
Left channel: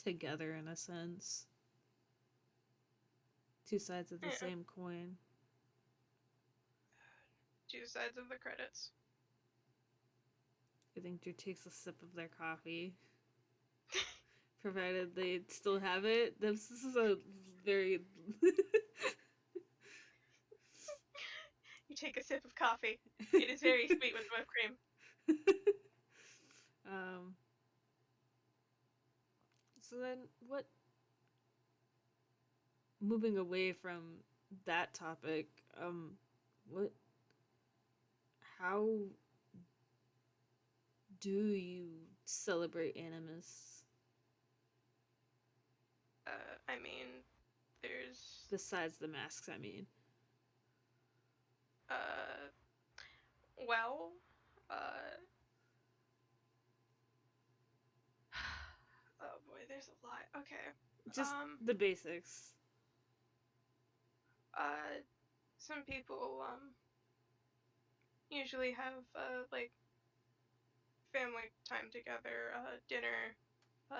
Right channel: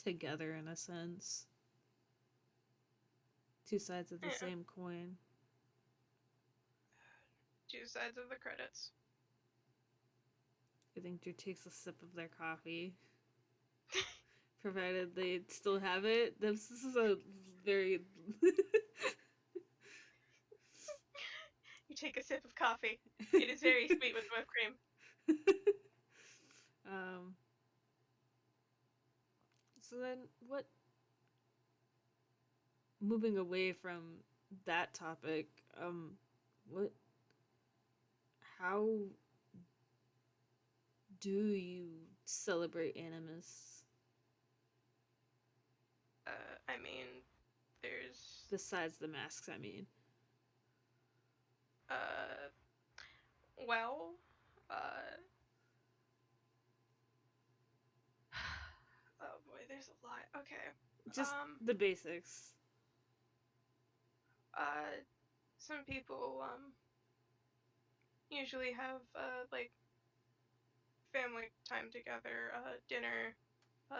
together in a sense. Two sides of the same coin. Two sides of the credits. I think Drew takes a sip of their coffee. Provided they still have it. This is a very. You take a sip of coffee. It is very sweet with whipped cream. So then, what? Moving away from that topic, what? How do you celebrate Animas? I mean, there's. Besides the masks, I mean. Well, oh boy, there's a lot. Okay. Just the basics. Some people usually have like family time together, dinner.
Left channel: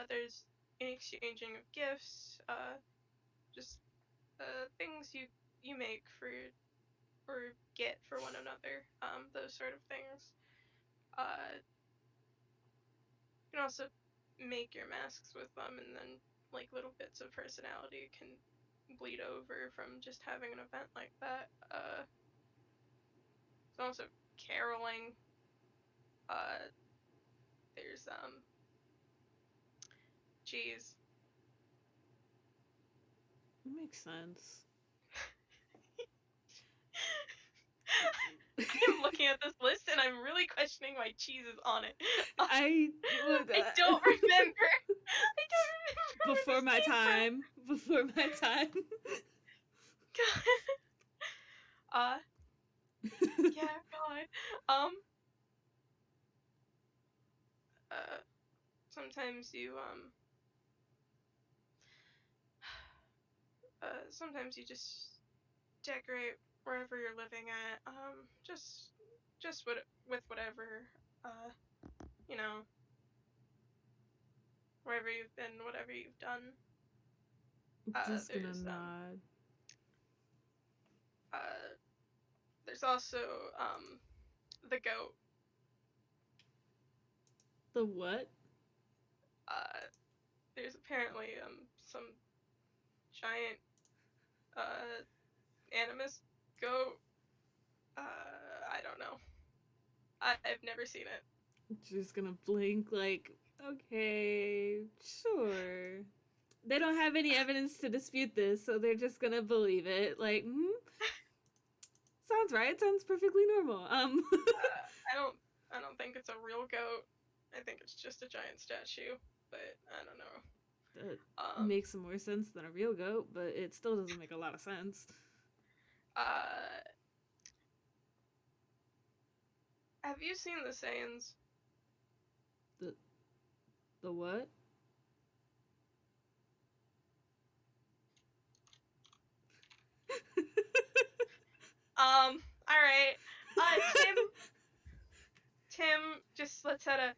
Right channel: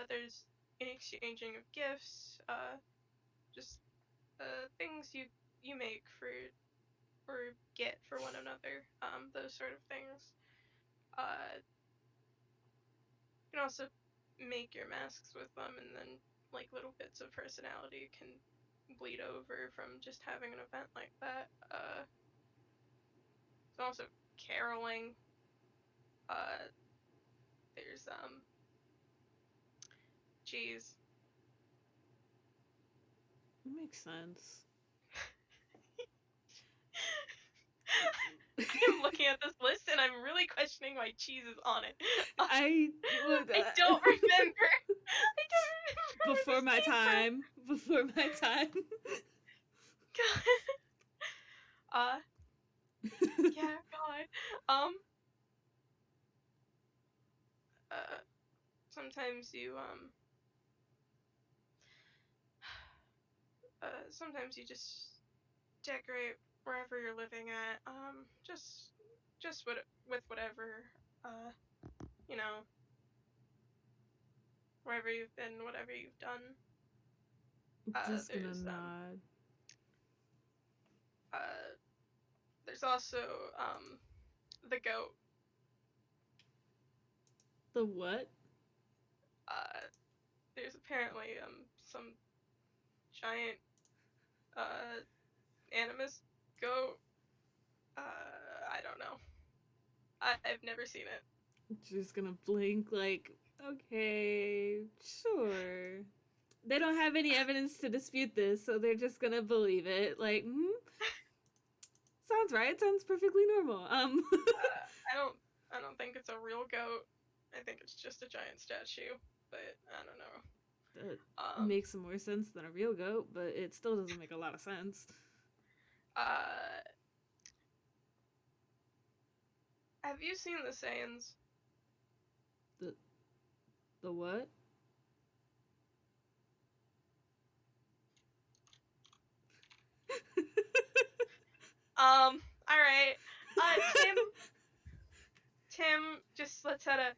There's an exchanging of gifts. Just things you make for or get for one another. Those sort of things. You can also make your masks with them, and then like little bits of personality can bleed over from just having an event like that. There's also caroling. There's geez. It makes sense. I'm looking at this list and I'm really questioning why cheese is on it. I don't remember. I don't remember. Before my time. Before my time. Yeah, God. Sometimes you sometimes you just decorate wherever you're living at. Just with whatever, you know, wherever you've been, whatever you've done. Just gonna nod. There's also the goat. The what? There's apparently some giant Animas goat. I don't know. I've never seen it. Just gonna blink like, okay, sure. They don't have any evidence to dispute this, so they're just gonna believe it. Like, sounds right. Sounds perfectly normal. I don't think it's a real goat. I think it's just a giant statue, but I don't know. That makes some more sense than a real goat, but it still doesn't make a lot of sense. Have you seen the Saiyans? The what? All right. Tim just lets out a.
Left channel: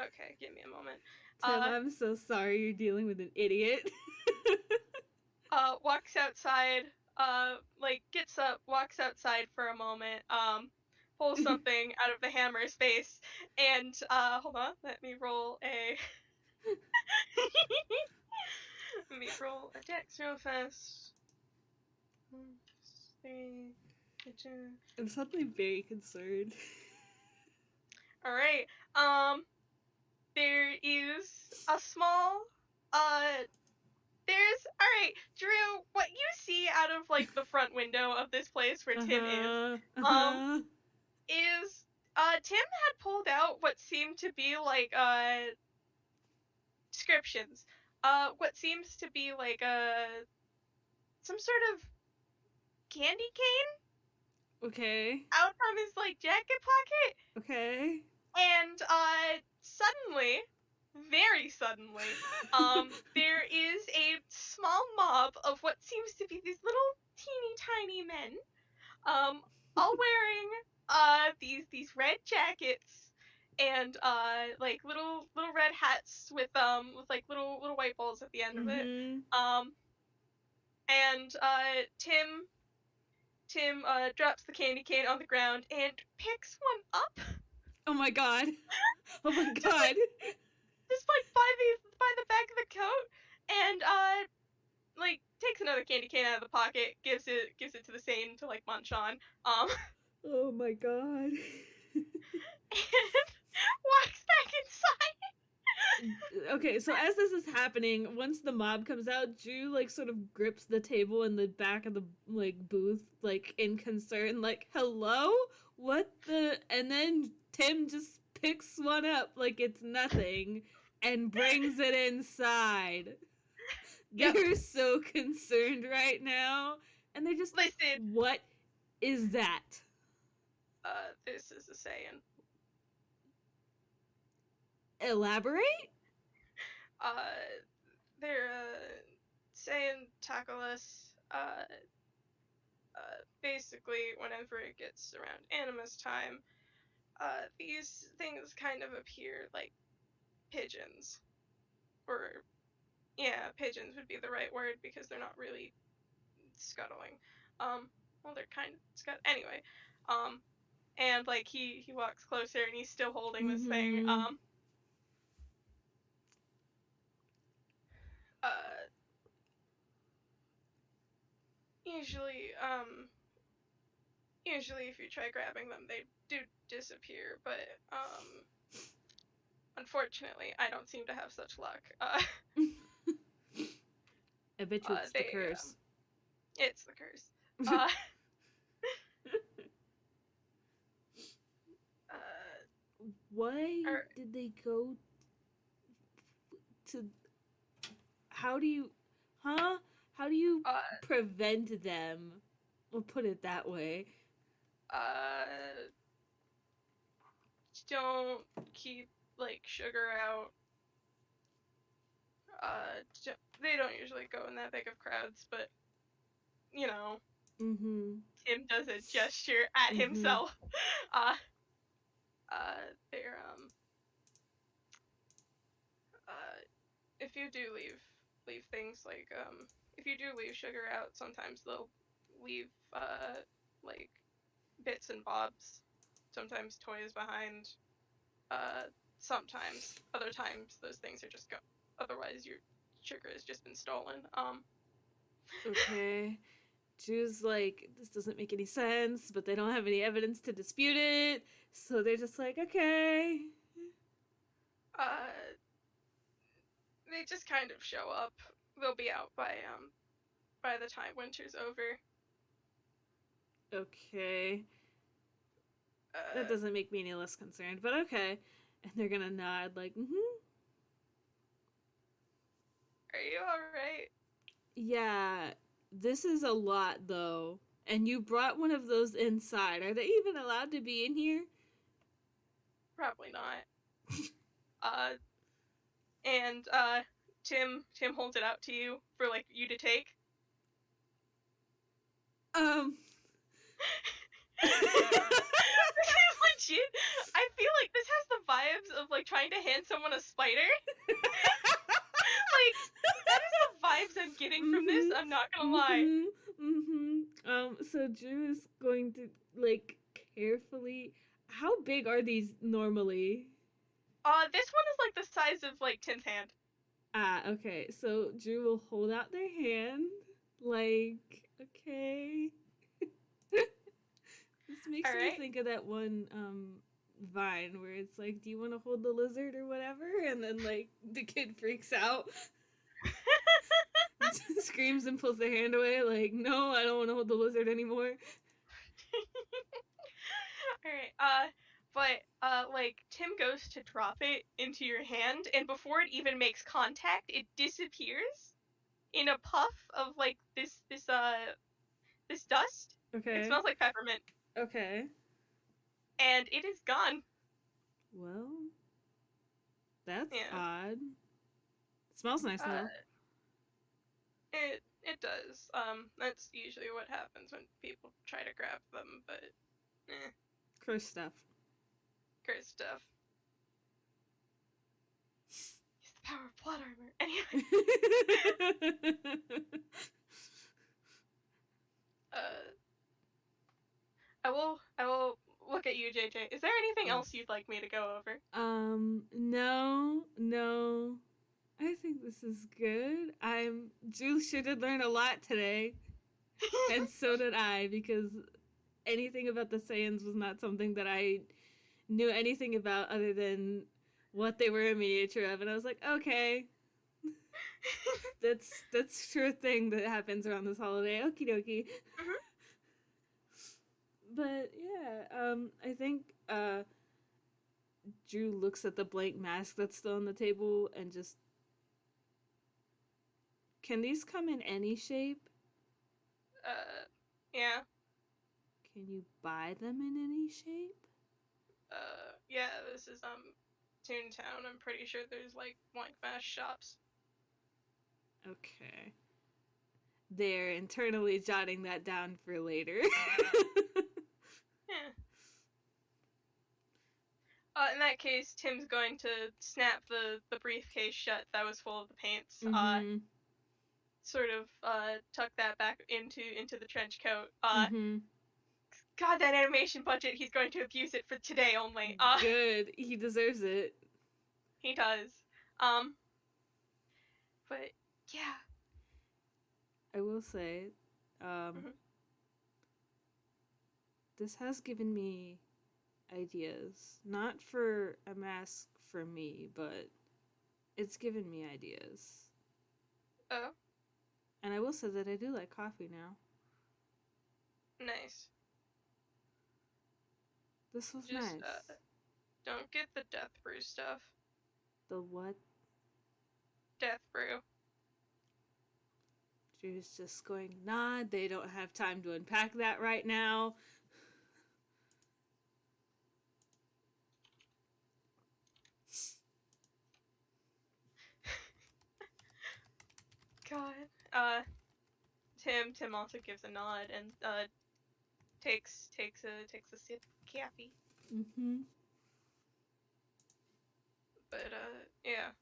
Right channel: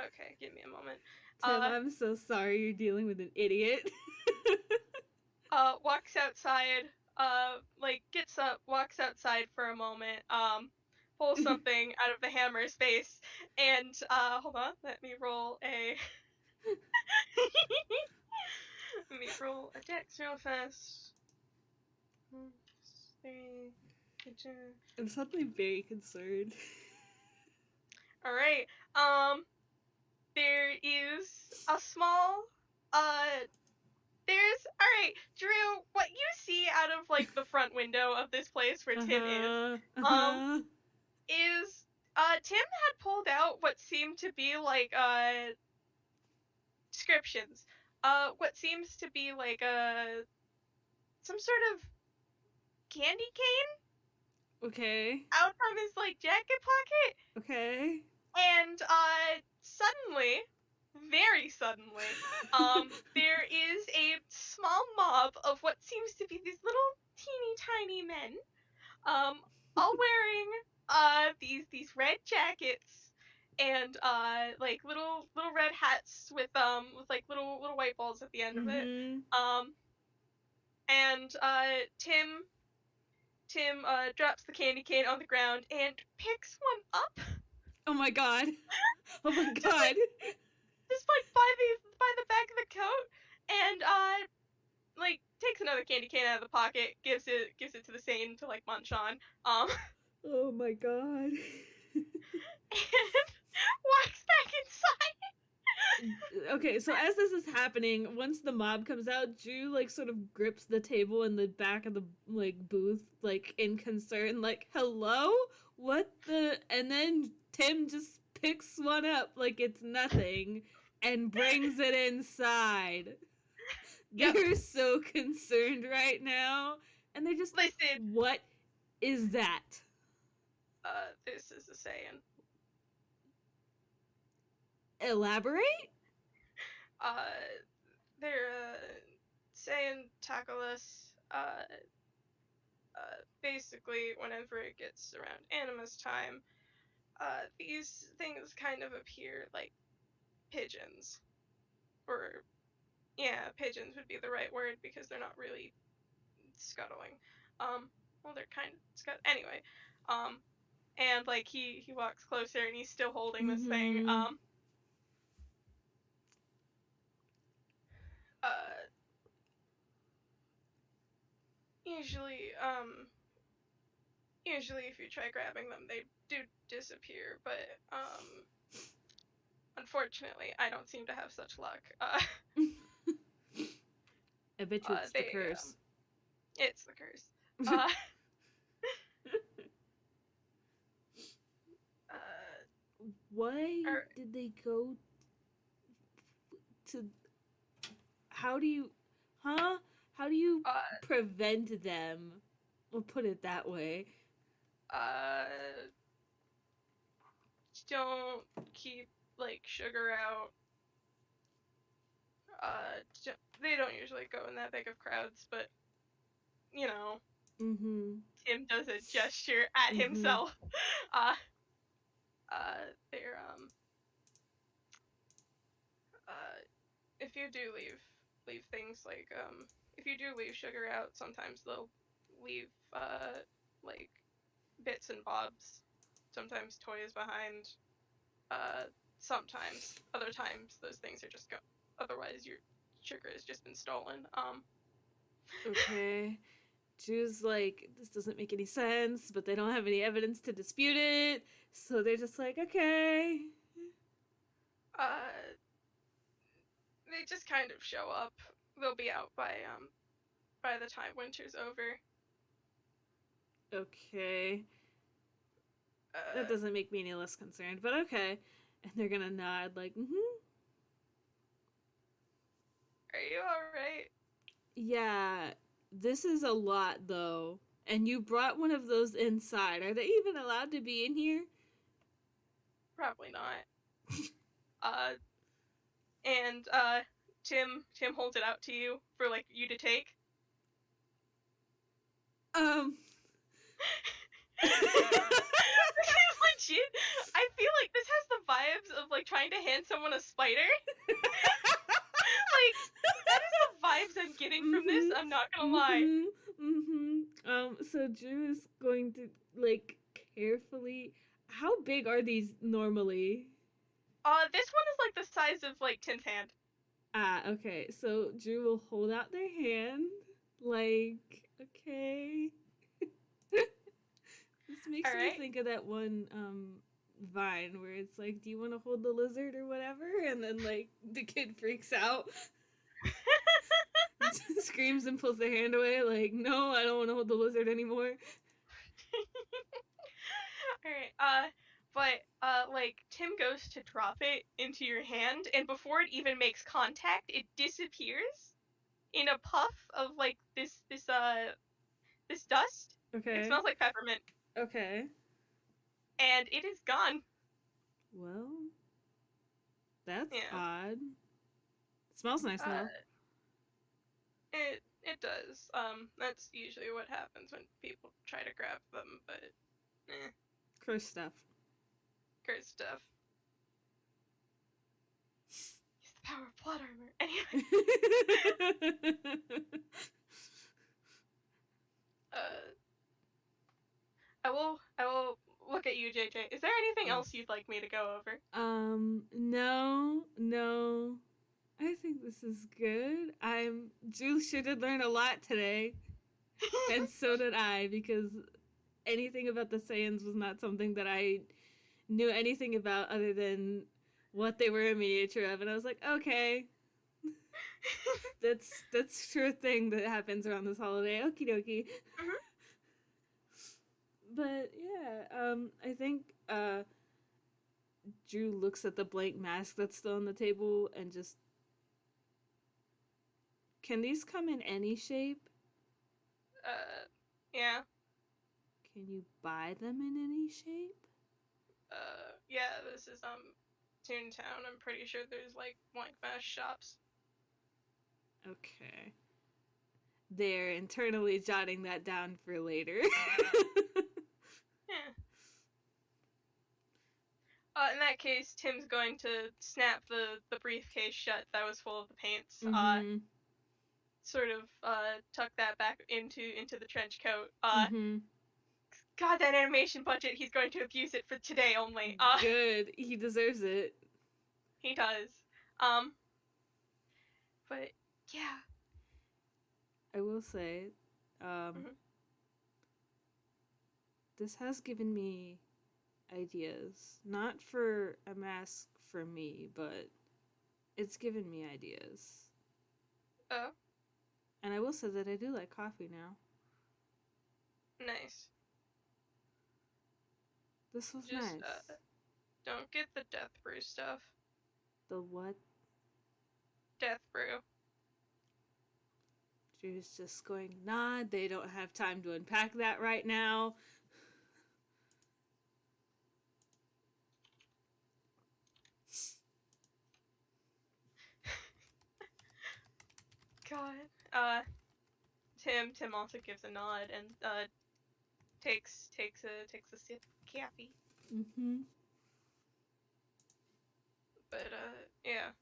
Okay, give me a moment. Tim, I'm so sorry you're dealing with an idiot. Walks outside. Like gets up, walks outside for a moment. Pulls something out of the hammer's face, and hold on, let me roll a. Let me roll a dex real fast. 3, 2. I'm suddenly very concerned. All right. There is a small. There's all right, Drew. What you see out of like the front window of this place where Tim is, um, Uh-huh. is Tim had pulled out what seemed to be like descriptions. What seems to be like some sort of candy cane Okay. out from his like jacket pocket. Okay. And suddenly, very suddenly, there is a small mob of what seems to be these little teeny tiny men, all wearing these red jackets and like little red hats with like little white balls at the end of it. Mm-hmm. Um, and Tim drops the candy cane on the ground and picks one up. Oh my god. Oh my just god. like just like by the back of the coat, and like takes another candy cane out of the pocket, gives it to the Sane to like munch on, Oh my god. and walks back inside. Okay, so as this is happening, once the mob comes out, Drew like sort of grips the table in the back of the like booth, like in concern, like "Hello, what the?" And then Tim just picks one up like it's nothing and brings it inside. Yep. They're so concerned right now, and they're just, Listen, "What is that?" this is a saying. Elaborate. They're saying Tacolas. Basically, whenever it gets around Animas time, these things kind of appear like pigeons, or yeah, pigeons would be the right word because they're not really scuttling. Well, they're kind of anyway. And like he walks closer and he's still holding this thing. Mm-hmm. Uh, usually, usually if you try grabbing them, they do disappear. But unfortunately, I don't seem to have such luck. I bet you it's the They curse. it's the curse. Uh, Why or, did they go to? How do you, huh? How do you uh, prevent them? We'll put it that way. uh, don't keep like sugar out. They don't usually go in that big of crowds, but you know, Mm-hmm. Tim does a gesture at Mm-hmm. himself. Uh, they're if you do leave things like if you do leave sugar out, sometimes they'll leave like bits and bobs, sometimes toys behind. Sometimes, other times those things are just go. Otherwise, your sugar has just been stolen. Okay. Drew's like, this doesn't make any sense, but they don't have any evidence to dispute it, so they're just like, okay. Uh, they just kind of show up. They'll be out by the time winter's over. Okay. That Uh, doesn't make me any less concerned, but okay. And they're gonna nod, like, mm-hmm. are you all right? Yeah, this is a lot, though. And you brought one of those inside. Are they even allowed to be in here? Probably not. Uh, and Tim holds it out to you for like you to take. This is legit. I feel like this has the vibes of like trying to hand someone a spider. Like that is the vibes I'm getting from this. I'm not gonna lie. So Drew is going to like carefully. How big are these normally? This one is like the size of like Tim's hand. Ah, okay. So Drew will hold out their hand, like, okay. This makes me think of that one Vine where it's like, do you want to hold the lizard or whatever? And then like the kid freaks out, screams and pulls their hand away, like, no, I don't want to hold the lizard anymore. Alright, like Tim goes to drop it into your hand, and before it even makes contact, it disappears in a puff of like this dust. Okay. It smells like peppermint. Okay. And it is gone. Well, that's odd. It smells nice though. It does. That's usually what happens when people try to grab them, but Curse stuff. Curse stuff. Use the power of plot armor. Anyway. I will look at you, JayJay. Is there anything else you'd like me to go over? No. I think this is good. Drew sure did learn a lot today. And so did I, because anything about the Saiyans was not something that I knew anything about other than what they were a miniature of, and I was like, okay. That's true thing that happens around this holiday. Okie dokie. Mm-hmm. But yeah, I think Drew looks at the blank mask that's still on the table and just, can these come in any shape? Yeah. Can you buy them in any shape? Yeah, this is Toontown. I'm pretty sure there's like blank mask shops. Okay. They're internally jotting that down for later. Yeah. In that case, Tim's going to snap the briefcase shut that was full of the paints. Sort of tuck that back into the trench coat. God, that animation budget, he's going to abuse it for today only. Good. He deserves it. He does. But yeah. I will say, this has given me ideas. Not for a mask for me, but it's given me ideas. Oh. And I will say that I do like coffee now. Nice. This was nice. Don't get the death brew stuff. The what? Death brew. Drew's just going, nah, they don't have time to unpack that right now. God. Tim also gives a nod and takes a sip of coffee. But yeah.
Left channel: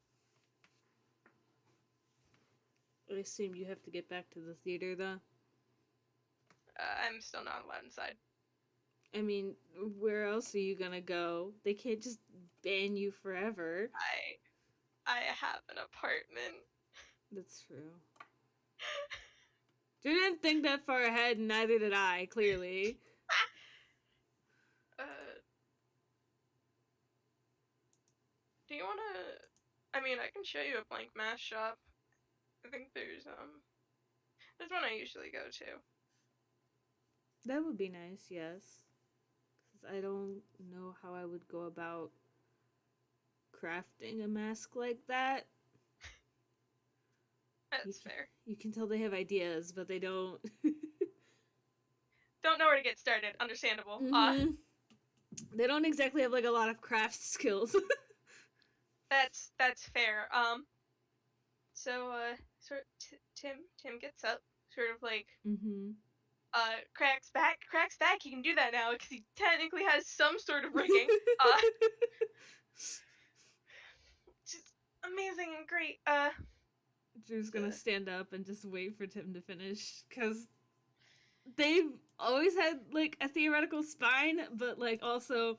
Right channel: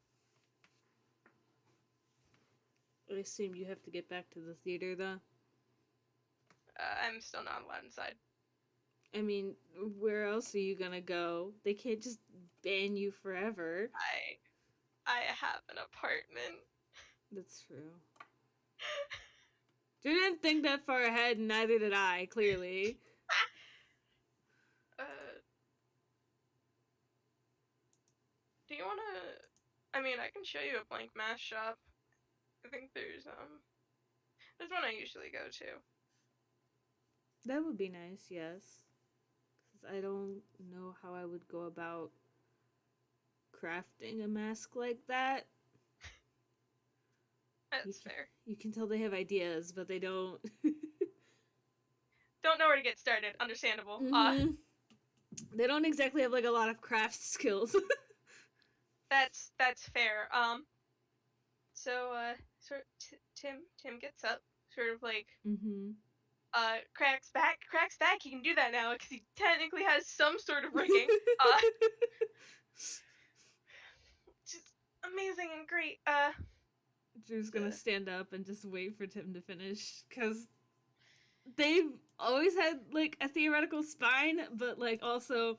I assume you have to get back to the theater, though. I'm still not allowed inside. I mean, where else are you gonna go? They can't just ban you forever. I have an apartment. That's true. Drew didn't think that far ahead, and neither did I, clearly. Do you wanna... I mean, I can show you a blank mask shop. I think there's one I usually go to. That would be nice, yes. Because I don't know how I would go about crafting a mask like that. That's fair. You can tell they have ideas, but they don't. Don't know where to get started. Understandable. They don't exactly have like a lot of craft skills. That's fair. Tim gets up, sort of like Mm-hmm. cracks back. He can do that now because he technically has some sort of rigging. Uh, just amazing and great. Drew's gonna stand up and just wait for Tim to finish, because they've always had like a theoretical spine, but like also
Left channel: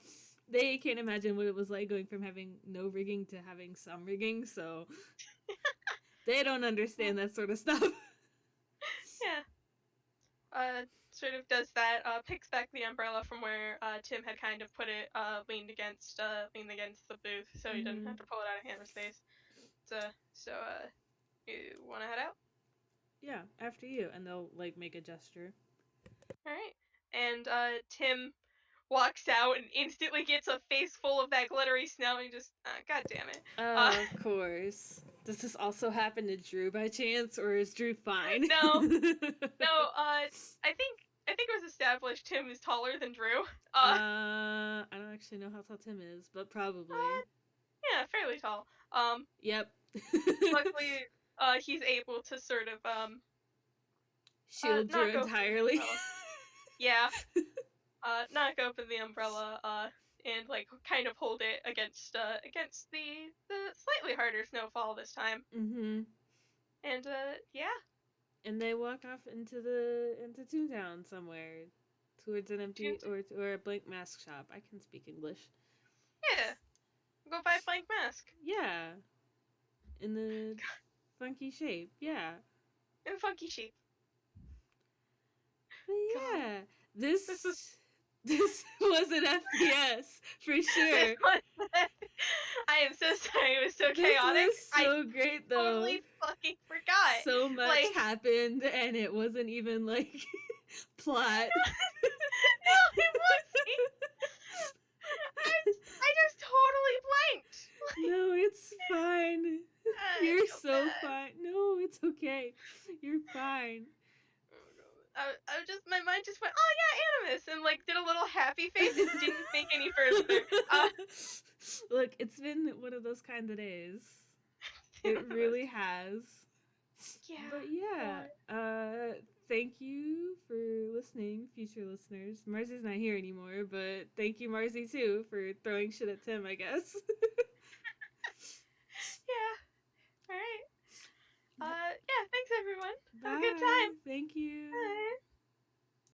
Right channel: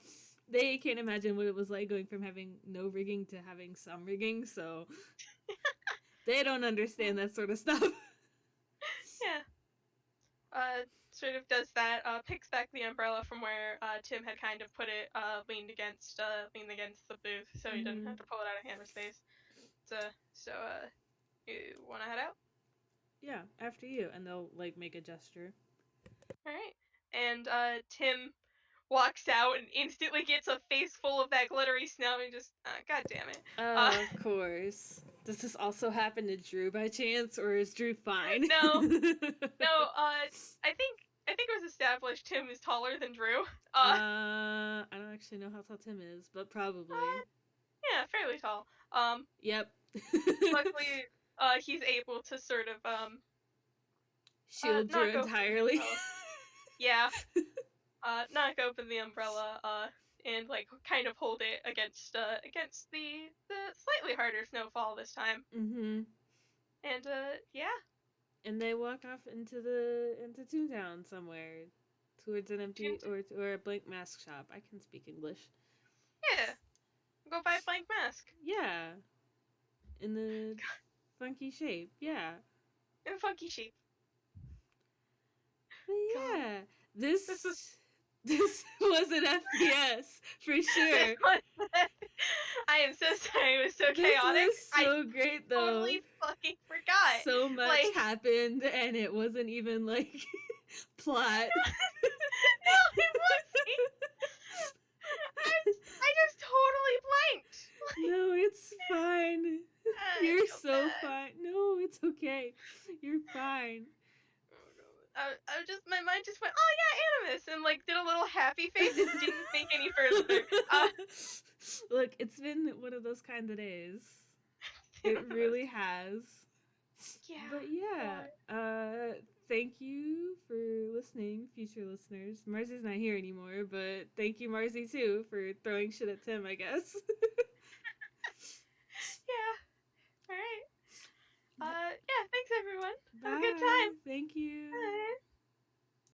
they can't imagine what it was like going from having no rigging to having some rigging, so they don't understand that sort of stuff. Yeah. Sort of does that. Picks back the umbrella from where Tim had kind of put it. Leaned against the booth, so he didn't Mm-hmm. have to pull it out of Hannah's face. You want to head out? Yeah, after you, and they'll like make a gesture. All right. And Tim walks out and instantly gets a face full of that glittery snow and just, god damn it. Of course. Does this also happen to Drew by chance, or is Drew fine? No, no. I think it was established Tim is taller than Drew. I don't actually know how tall Tim is, but probably. Yeah, fairly tall. Yep. Luckily, he's able to sort of Shield Drew knock open the entirely. umbrella. Yeah. Knock open the umbrella. And like kind of hold it against the slightly harder snowfall this time. Mm-hmm. And yeah. And they walk off into Toontown somewhere, towards an empty or a blank mask shop. I can speak English. Yeah. Go buy blank mask. Yeah. In the funky shape. Yeah. In funky shape. But yeah, God. this was was an FPS for sure. I am so sorry. It was so This chaotic. was so great though. I totally fucking forgot. So much happened, and it wasn't even like plot. No, it wasn't. I just totally blanked. No, it's fine. You're so fine. No, it's okay. You're fine. My mind just went, oh yeah, Animas, and like did a little happy face and didn't think any further. Look, it's been one of those kind of days. It really has. Yeah. But yeah, thank you for listening, future listeners. Marzi's not here anymore, but thank you, Marzi, too, for throwing shit at Tim, I guess. Yeah. All right. Yeah, thanks everyone. Bye. Have a good time. Thank you. Bye.